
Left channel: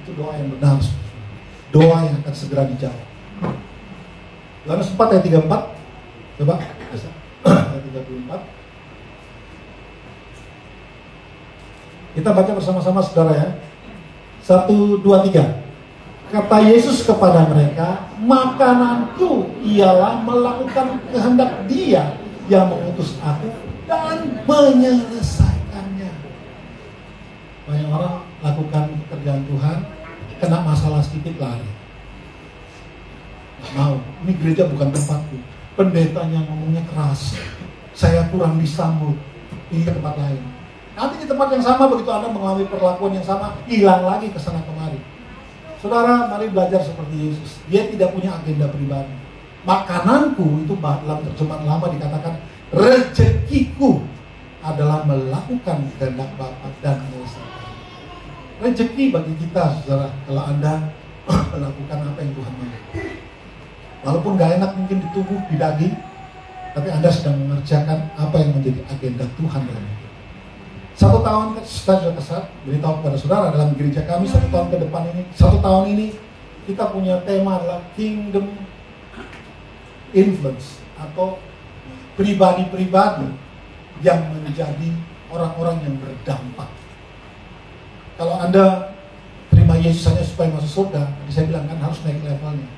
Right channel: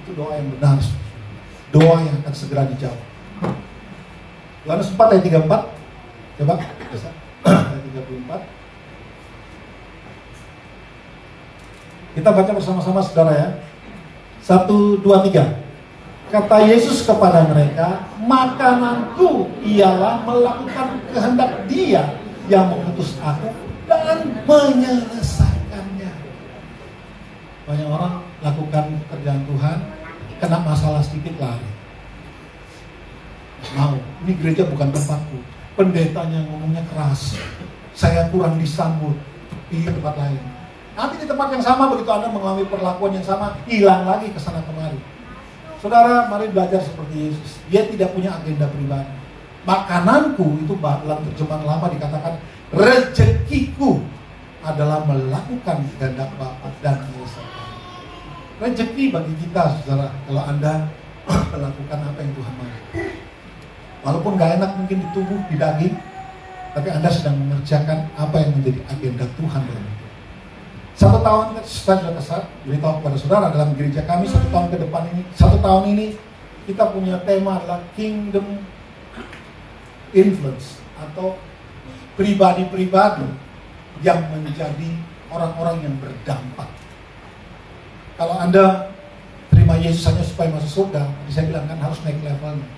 Itu doa yang benar. Doa yang akan segera dijawab. Yohanes 4 ayat 34. Coba ayat 34. Kita baca bersama-sama saudara ya. 1, 2, 3. Kata Yesus kepada mereka, makananku ialah melakukan kehendak Dia yang mengutus aku dan menyelesaikannya. Banyak orang lakukan pekerjaan Tuhan, kena masalah sedikit lari. Mau, ini gereja bukan tempatku. Pendetanya ngomongnya keras, saya kurang disambut di tempat lain. Nanti di tempat yang sama begitu Anda mengalami perlakuan yang sama, hilang lagi ke sana kemari. Saudara, mari belajar seperti Yesus. Dia tidak punya agenda pribadi. Makananku itu dalam terjemahan lama dikatakan rezekiku adalah melakukan kehendak Bapa dan menyelesaikan. Rezeki bagi kita, saudara, kalau Anda melakukan apa yang Tuhan mau. Walaupun gak enak mungkin di tubuh, di daging, tapi Anda sedang mengerjakan apa yang menjadi agenda Tuhan dalam hidup. 1 tahun saya sudah beritahu kepada saudara dalam gereja kami 1 tahun ke depan ini, 1 tahun ini kita punya tema adalah Kingdom Influence atau pribadi-pribadi yang menjadi orang-orang yang berdampak. Kalau Anda terima Yesus hanya supaya masuk surga, tadi saya bilang kan harus naik levelnya.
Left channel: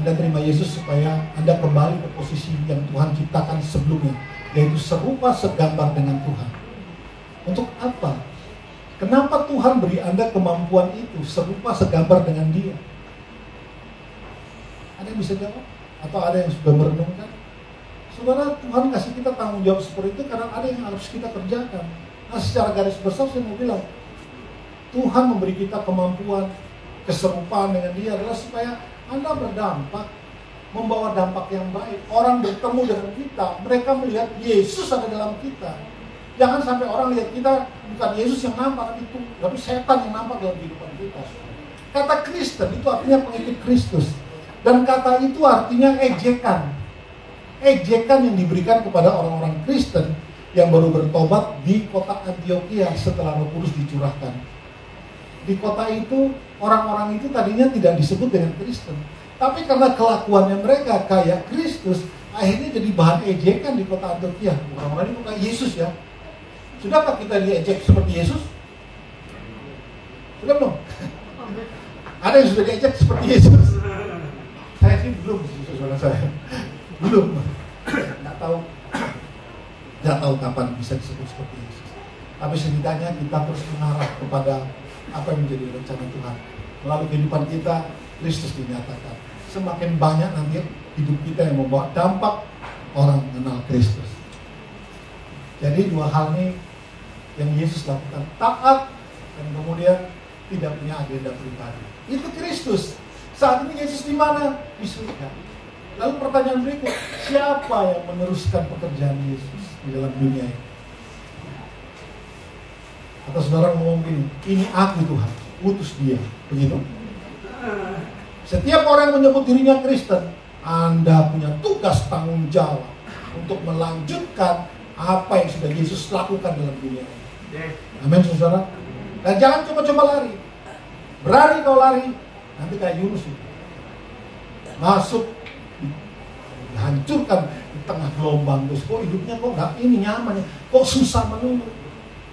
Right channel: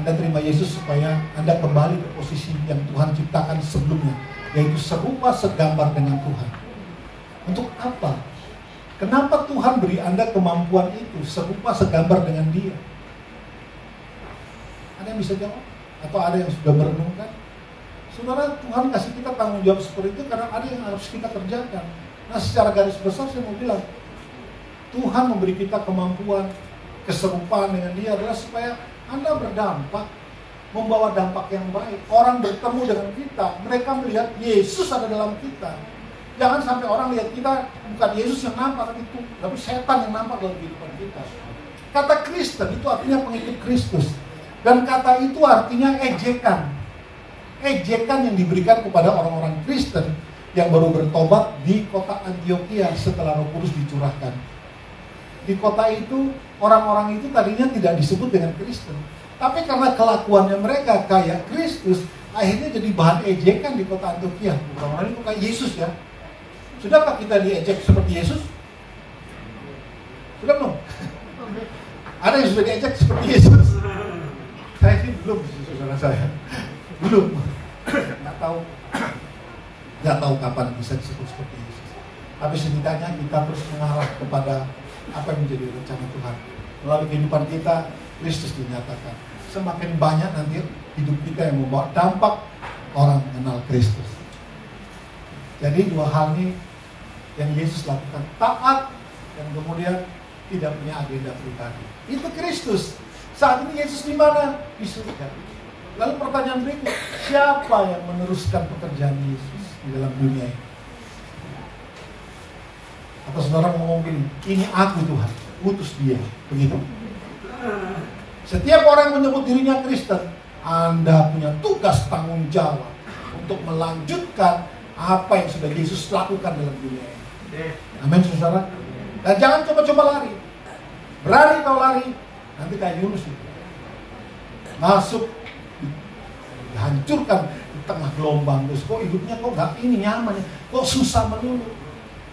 Anda terima Yesus supaya Anda kembali ke posisi yang Tuhan ciptakan sebelumnya, yaitu serupa segambar dengan Tuhan. Untuk apa? Kenapa Tuhan beri Anda kemampuan itu serupa segambar dengan Dia? Ada yang bisa jawab? Atau ada yang sudah merenungkan? Saudara, Tuhan kasih kita tanggung jawab seperti itu karena ada yang harus kita kerjakan. Nah, secara garis besar saya mau bilang, Tuhan memberi kita kemampuan keserupaan dengan Dia adalah supaya Anda berdampak, membawa dampak yang baik. Orang bertemu dengan kita, mereka melihat Yesus ada dalam kita. Jangan sampai orang lihat kita bukan Yesus yang nampak, tapi setan yang nampak dalam kehidupan kita. Kata Kristen itu artinya pengikut Kristus. Dan kata itu artinya ejekan. Ejekan yang diberikan kepada orang-orang Kristen yang baru bertobat di kota Antioquia setelah Roh Kudus dicurahkan. Di kota itu, orang-orang itu tadinya tidak disebut dengan Kristen. Tapi karena kelakuannya mereka kayak Kristus, akhirnya jadi bahan ejekan di kota Antioquia. Orang-orang itu kayak Yesus ya. Sudahkah kita diejek seperti Yesus? Sudah belum? Ada yang sudah diejek seperti Yesus? Saya sih belum, saudara saya. Belum. Nggak tahu kapan bisa disebut seperti Yesus. Tapi setidaknya kita terus mengarah kepada apa yang menjadi rencana Tuhan. Melalui kehidupan kita, Kristus dinyatakan. Semakin banyak nanti hidup kita yang membawa dampak orang mengenal Kristus. Jadi 2 hal ini yang Yesus lakukan, taat dan kemudian tidak punya agenda pribadi. Itu Kristus. Saat ini Yesus di mana? Di surga. Lalu pertanyaan berikut, siapa yang meneruskan pekerjaan Yesus di dalam dunia ini? Atau saudara ngomong gini, ini aku Tuhan, utus Dia, begitu. Setiap orang yang menyebut dirinya Kristen, Anda punya tugas tanggung jawab untuk melanjutkan apa yang sudah Yesus lakukan dalam dunia ini. Amin, saudara. Dan jangan coba-coba lari. Berani kau lari, nanti kayak Yunus itu. Masuk, dihancurkan di tengah gelombang. Terus kok hidupnya kok nggak ini nyaman, kok susah melulu.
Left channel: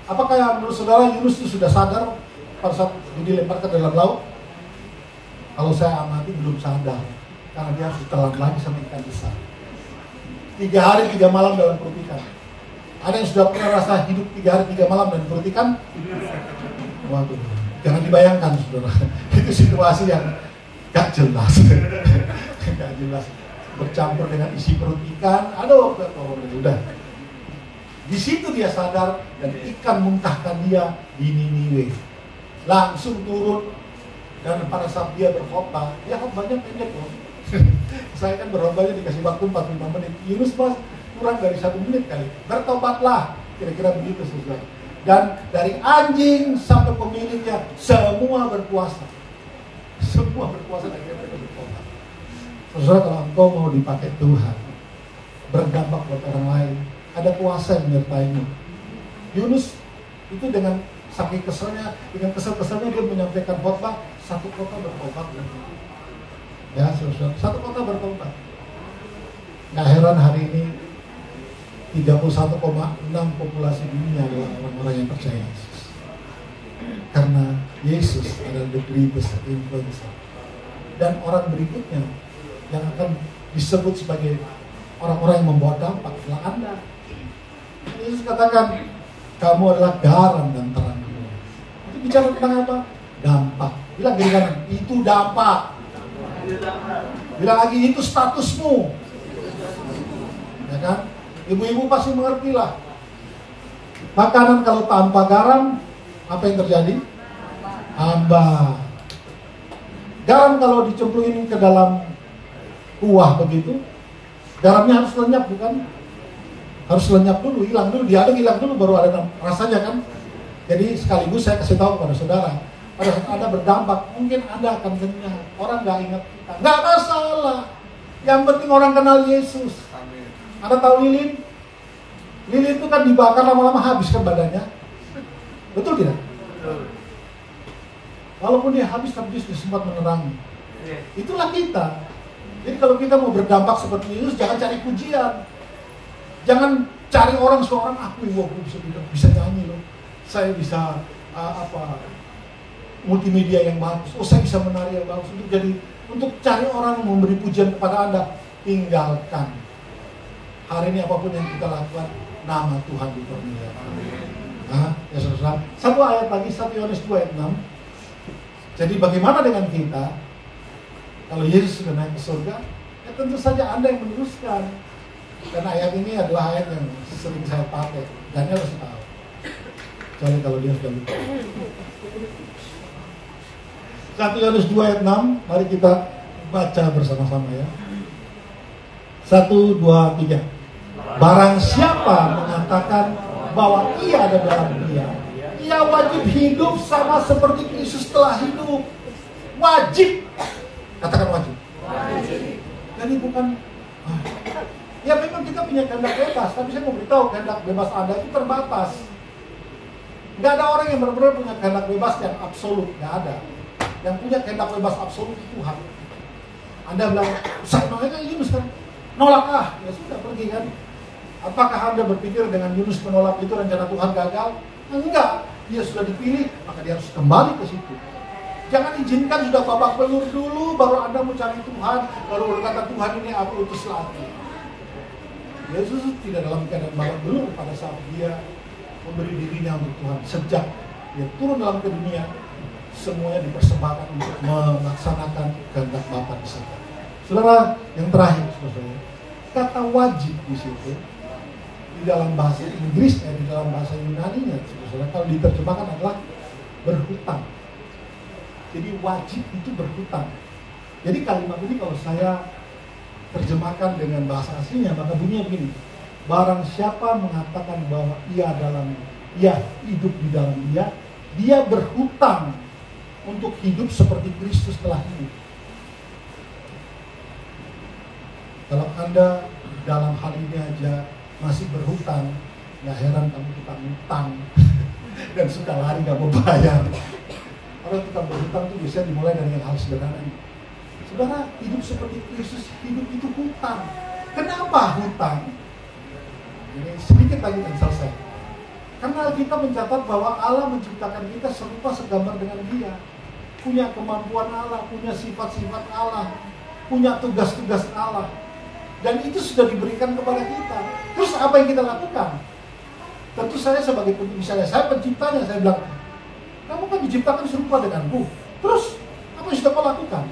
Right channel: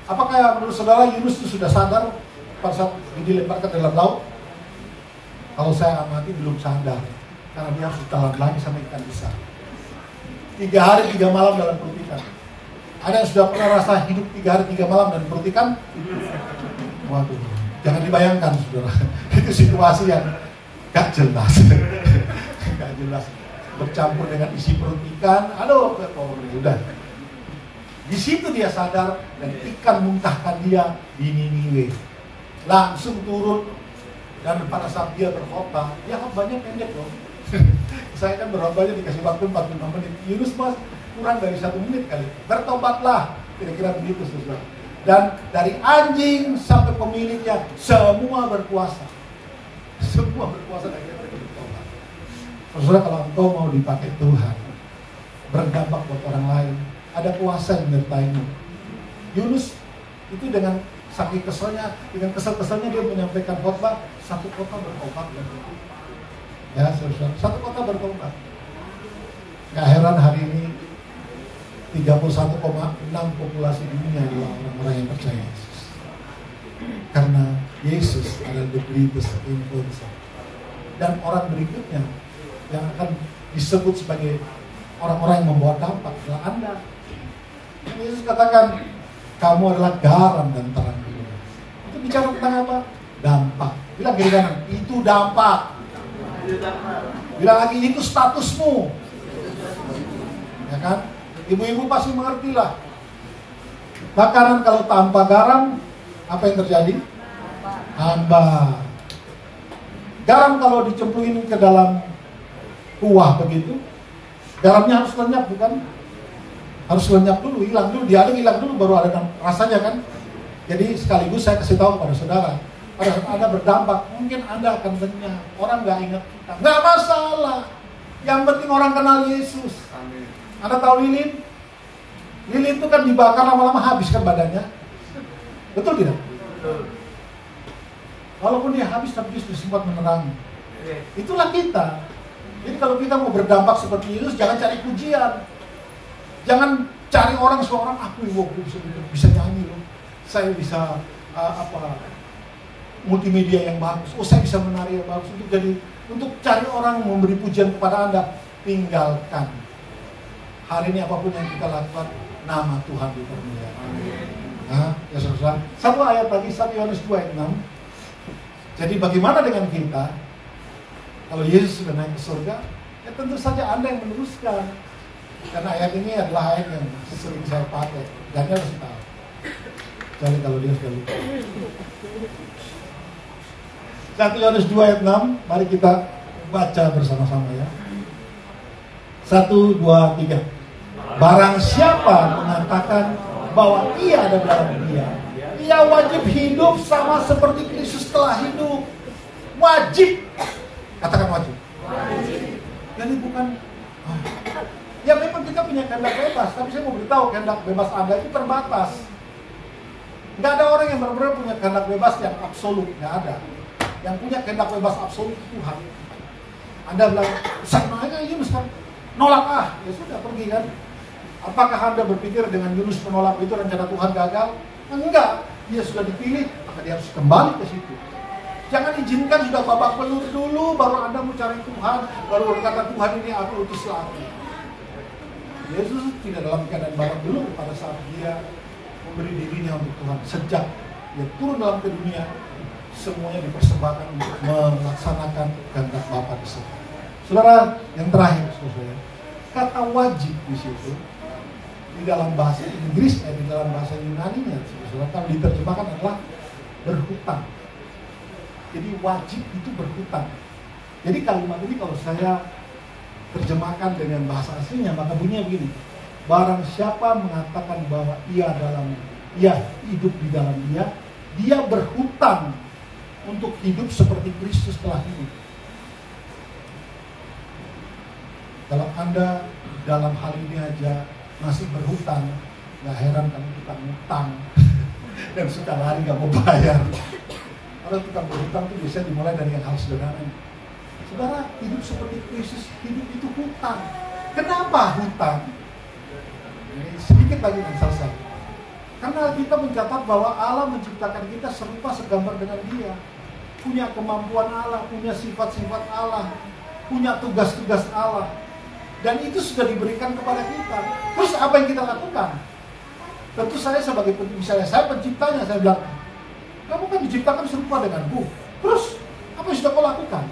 Apakah menurut saudara Yunus itu sudah sadar pada saat dilempar ke dalam laut? Kalau saya amati belum sadar, karena dia harus ditelan lagi sama ikan besar. 3 hari 3 malam dalam perut ikan. Ada yang sudah pernah rasa hidup 3 hari 3 malam dan perut ikan? Waduh, jangan dibayangkan saudara. Itu situasi yang gak jelas. Gak jelas. Bercampur dengan isi perut ikan. Aduh, udah. Di situ dia sadar dan ikan muntahkan dia di Niniwe. Langsung turun dan pada saat dia berkhotbah, dia khotbahnya pendek loh. Saya kan berkhotbahnya dikasih waktu 45 menit. Yunus mas kurang dari 1 menit kali. Bertobatlah, kira-kira begitu saudara. Dan dari anjing sampai pemiliknya semua berpuasa. Semua berpuasa dan kita bertobat. Saudara, kalau engkau mau dipakai Tuhan, berdampak buat orang lain, ada kuasa yang menyertaimu. Yunus itu dengan saking keselnya, dengan kesel-keselnya dia menyampaikan khotbah, 1 kota bertobat. Ya, saudara, 1 kota bertobat. Gak heran hari ini 31,6 populasi dunia adalah orang-orang yang percaya Yesus. Karena Yesus adalah the greatest influencer. Dan orang berikutnya yang akan disebut sebagai orang-orang yang membawa dampak adalah Anda. Yesus katakan, kamu adalah garam dan terang dunia. Itu bicara tentang apa? Dampak. Bilang gini kan, itu dampak. Bilang lagi, itu statusmu. Ya kan? Ibu-ibu pasti mengerti lah. Makanan kalau tanpa garam, apa yang terjadi? Hambar. Garam kalau dicemplungin ke dalam kuah begitu, garamnya harus lenyap, bukan? Harus lenyap dulu, hilang dulu, diaduk hilang dulu, baru ada rasanya kan? Jadi sekaligus saya kasih tahu kepada saudara, pada saat Anda berdampak, mungkin Anda akan lenyap. Orang nggak ingat kita, nggak masalah. Yang penting orang kenal Yesus. Amin. Anda tahu lilin? Lilin itu kan dibakar lama-lama habis kan badannya. Betul tidak? Betul. Walaupun dia habis, tapi dia sudah sempat menerangi. Itulah kita. Jadi kalau kita mau berdampak seperti Yesus, jangan cari pujian. Jangan cari orang seorang, aku bisa nyanyi loh. Saya bisa multimedia yang bagus. Oh, saya bisa menari yang bagus. Untuk cari orang yang memberi pujian kepada Anda, tinggalkan. Hari ini apapun yang kita lakukan, nama Tuhan dipermuliakan. Nah, ya saudara. Satu ayat lagi, 1 Yohanes 2 ayat 6. Jadi bagaimana dengan kita? Kalau Yesus sudah naik ke surga, ya tentu saja Anda yang meneruskan. Karena ayat ini adalah ayat yang sering saya pakai. Dan harus tahu. Jadi kalau dia sudah lupa. 1 Yohanes 2 ayat 6, mari kita baca bersama-sama ya. 1, 2, 3. Barang siapa mengatakan bahwa ia ada dalam dia, ia wajib hidup sama seperti Kristus telah hidup. Wajib. Katakan wajib. Wajib. Jadi bukan ya memang kita punya kehendak bebas, tapi saya mau beritahu kehendak bebas Anda itu terbatas. Nggak ada orang yang benar-benar punya kehendak bebas yang absolut, nggak ada. Yang punya kehendak bebas absolut itu Tuhan. Anda bilang, saya nolaknya Yunus kan, nolak ya sudah pergi kan. Apakah Anda berpikir dengan Yunus menolak itu rencana Tuhan gagal? Enggak, dia sudah dipilih, maka dia harus kembali ke situ. Jangan izinkan sudah babak belur dulu, baru Anda mencari Tuhan, baru berkata Tuhan ini aku utuslah aku. Yesus tidak dalam keadaan babak belur pada saat dia memberi dirinya untuk Tuhan. Sejak dia turun dalam ke dunia, semuanya dipersembahkan untuk melaksanakan kehendak Bapa di sana. Saudara, yang terakhir, saudara, kata wajib di situ di dalam bahasa Inggris di dalam bahasa Yunani-nya, saudara, kalau diterjemahkan adalah berhutang. Jadi wajib itu berhutang. Jadi kalimat ini kalau saya terjemahkan dengan bahasa aslinya, maka bunyinya begini: barang siapa mengatakan bahwa ia hidup di dalam dia berhutang untuk hidup seperti Kristus telah hidup. Kalau Anda dalam hal ini aja masih berhutang, gak heran kamu tukang hutang dan suka lari gak mau bayar. Orang tukang berhutang itu biasanya dimulai dari yang hal sederhana. Saudara, hidup seperti Kristus, hidup itu hutang. Kenapa hutang? Sedikit lagi dan selesai. Karena kita mencatat bahwa Allah menciptakan kita serupa segambar dengan Dia, punya kemampuan Allah, punya sifat-sifat Allah, punya tugas-tugas Allah, dan itu sudah diberikan kepada kita. Terus apa yang kita lakukan? Tentu saya sebagai misalnya saya penciptanya, saya bilang, kamu kan diciptakan serupa denganku. Terus apa yang sudah kau lakukan?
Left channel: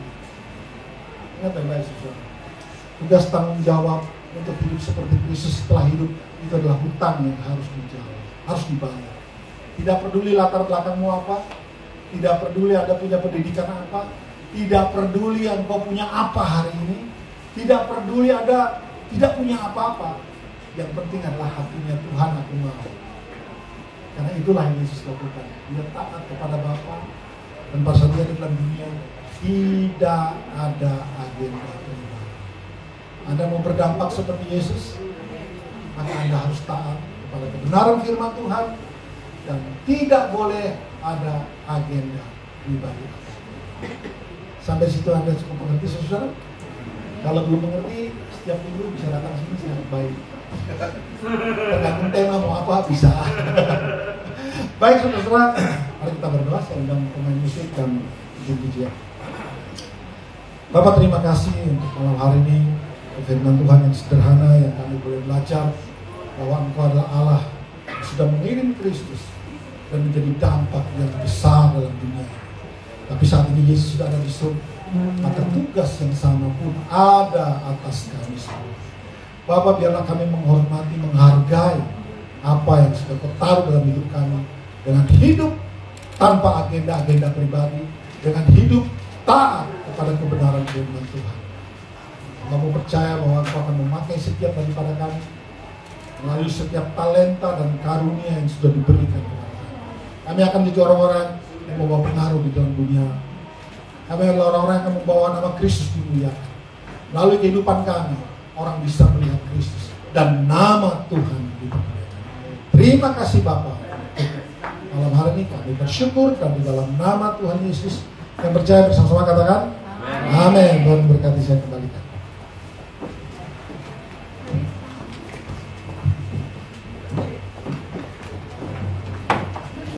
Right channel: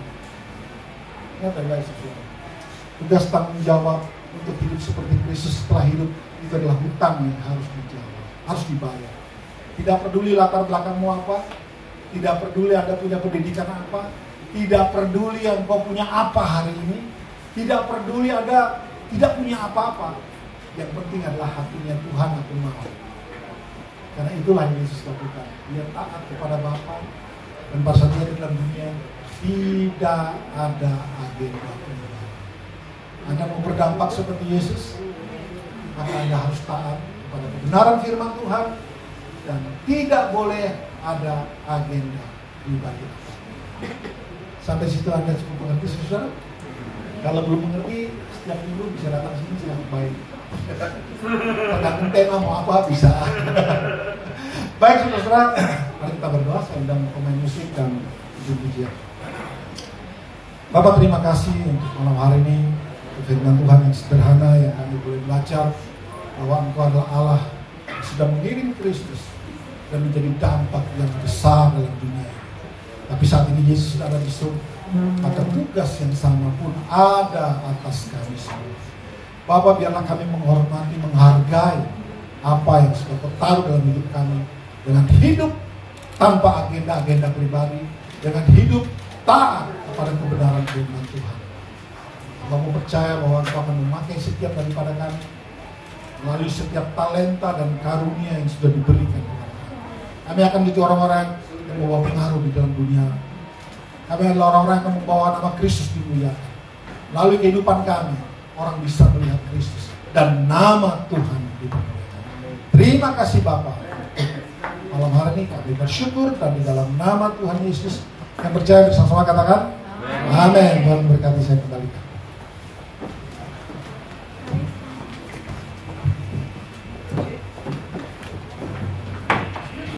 Ingat ya sesuatu. Tugas tanggung jawab untuk hidup seperti Kristus setelah hidup itu adalah hutang yang harus dijawab, harus dibayar. Tidak peduli latar belakangmu apa, tidak peduli Anda punya pendidikan apa, tidak peduli engkau punya apa hari ini, tidak peduli Anda tidak punya apa-apa. Yang penting adalah hatinya Tuhan aku mau. Karena itulah yang Yesus lakukan. Dia taat kepada Bapa dan persatuan di dalam dunia tidak ada agenda penyembahan. Anda mau berdampak seperti Yesus, maka Anda harus taat kepada kebenaran firman Tuhan dan tidak boleh ada agenda pribadi. Sampai situ Anda cukup mengerti, saudara? Kalau belum mengerti, setiap minggu bisa datang sini sangat baik. Tergantung tema mau apa bisa. Baik saudara, mari kita berdoa. Saya undang pemain musik dan pujian. Bapak terima kasih untuk malam hari ini. Firman Tuhan yang sederhana yang kami boleh belajar bahwa Engkau adalah Allah yang sudah mengirim Kristus dan menjadi dampak yang besar dalam dunia ini. Tapi saat ini Yesus sudah ada di surga, maka tugas yang sama pun ada atas kami semua. Bapa, biarlah kami menghormati, menghargai apa yang sudah Kau taruh dalam hidup kami, dengan hidup tanpa agenda-agenda pribadi, dengan hidup taat kepada kebenaran firman Tuhan. Kami percaya bahwa Engkau akan memakai setiap daripada kami melalui setiap talenta dan karunia yang sudah diberikan kepada kami. Kami akan menjadi orang-orang yang membawa pengaruh di dalam dunia. Kami adalah orang-orang yang membawa nama Kristus dimuliakan. Melalui kehidupan kami, orang bisa melihat Kristus dan nama Tuhan dimuliakan. Terima kasih Bapa. Malam hari ini kami bersyukur dan di dalam nama Tuhan Yesus yang percaya bersama-sama katakan Amin. Tuhan berkati saya kembali.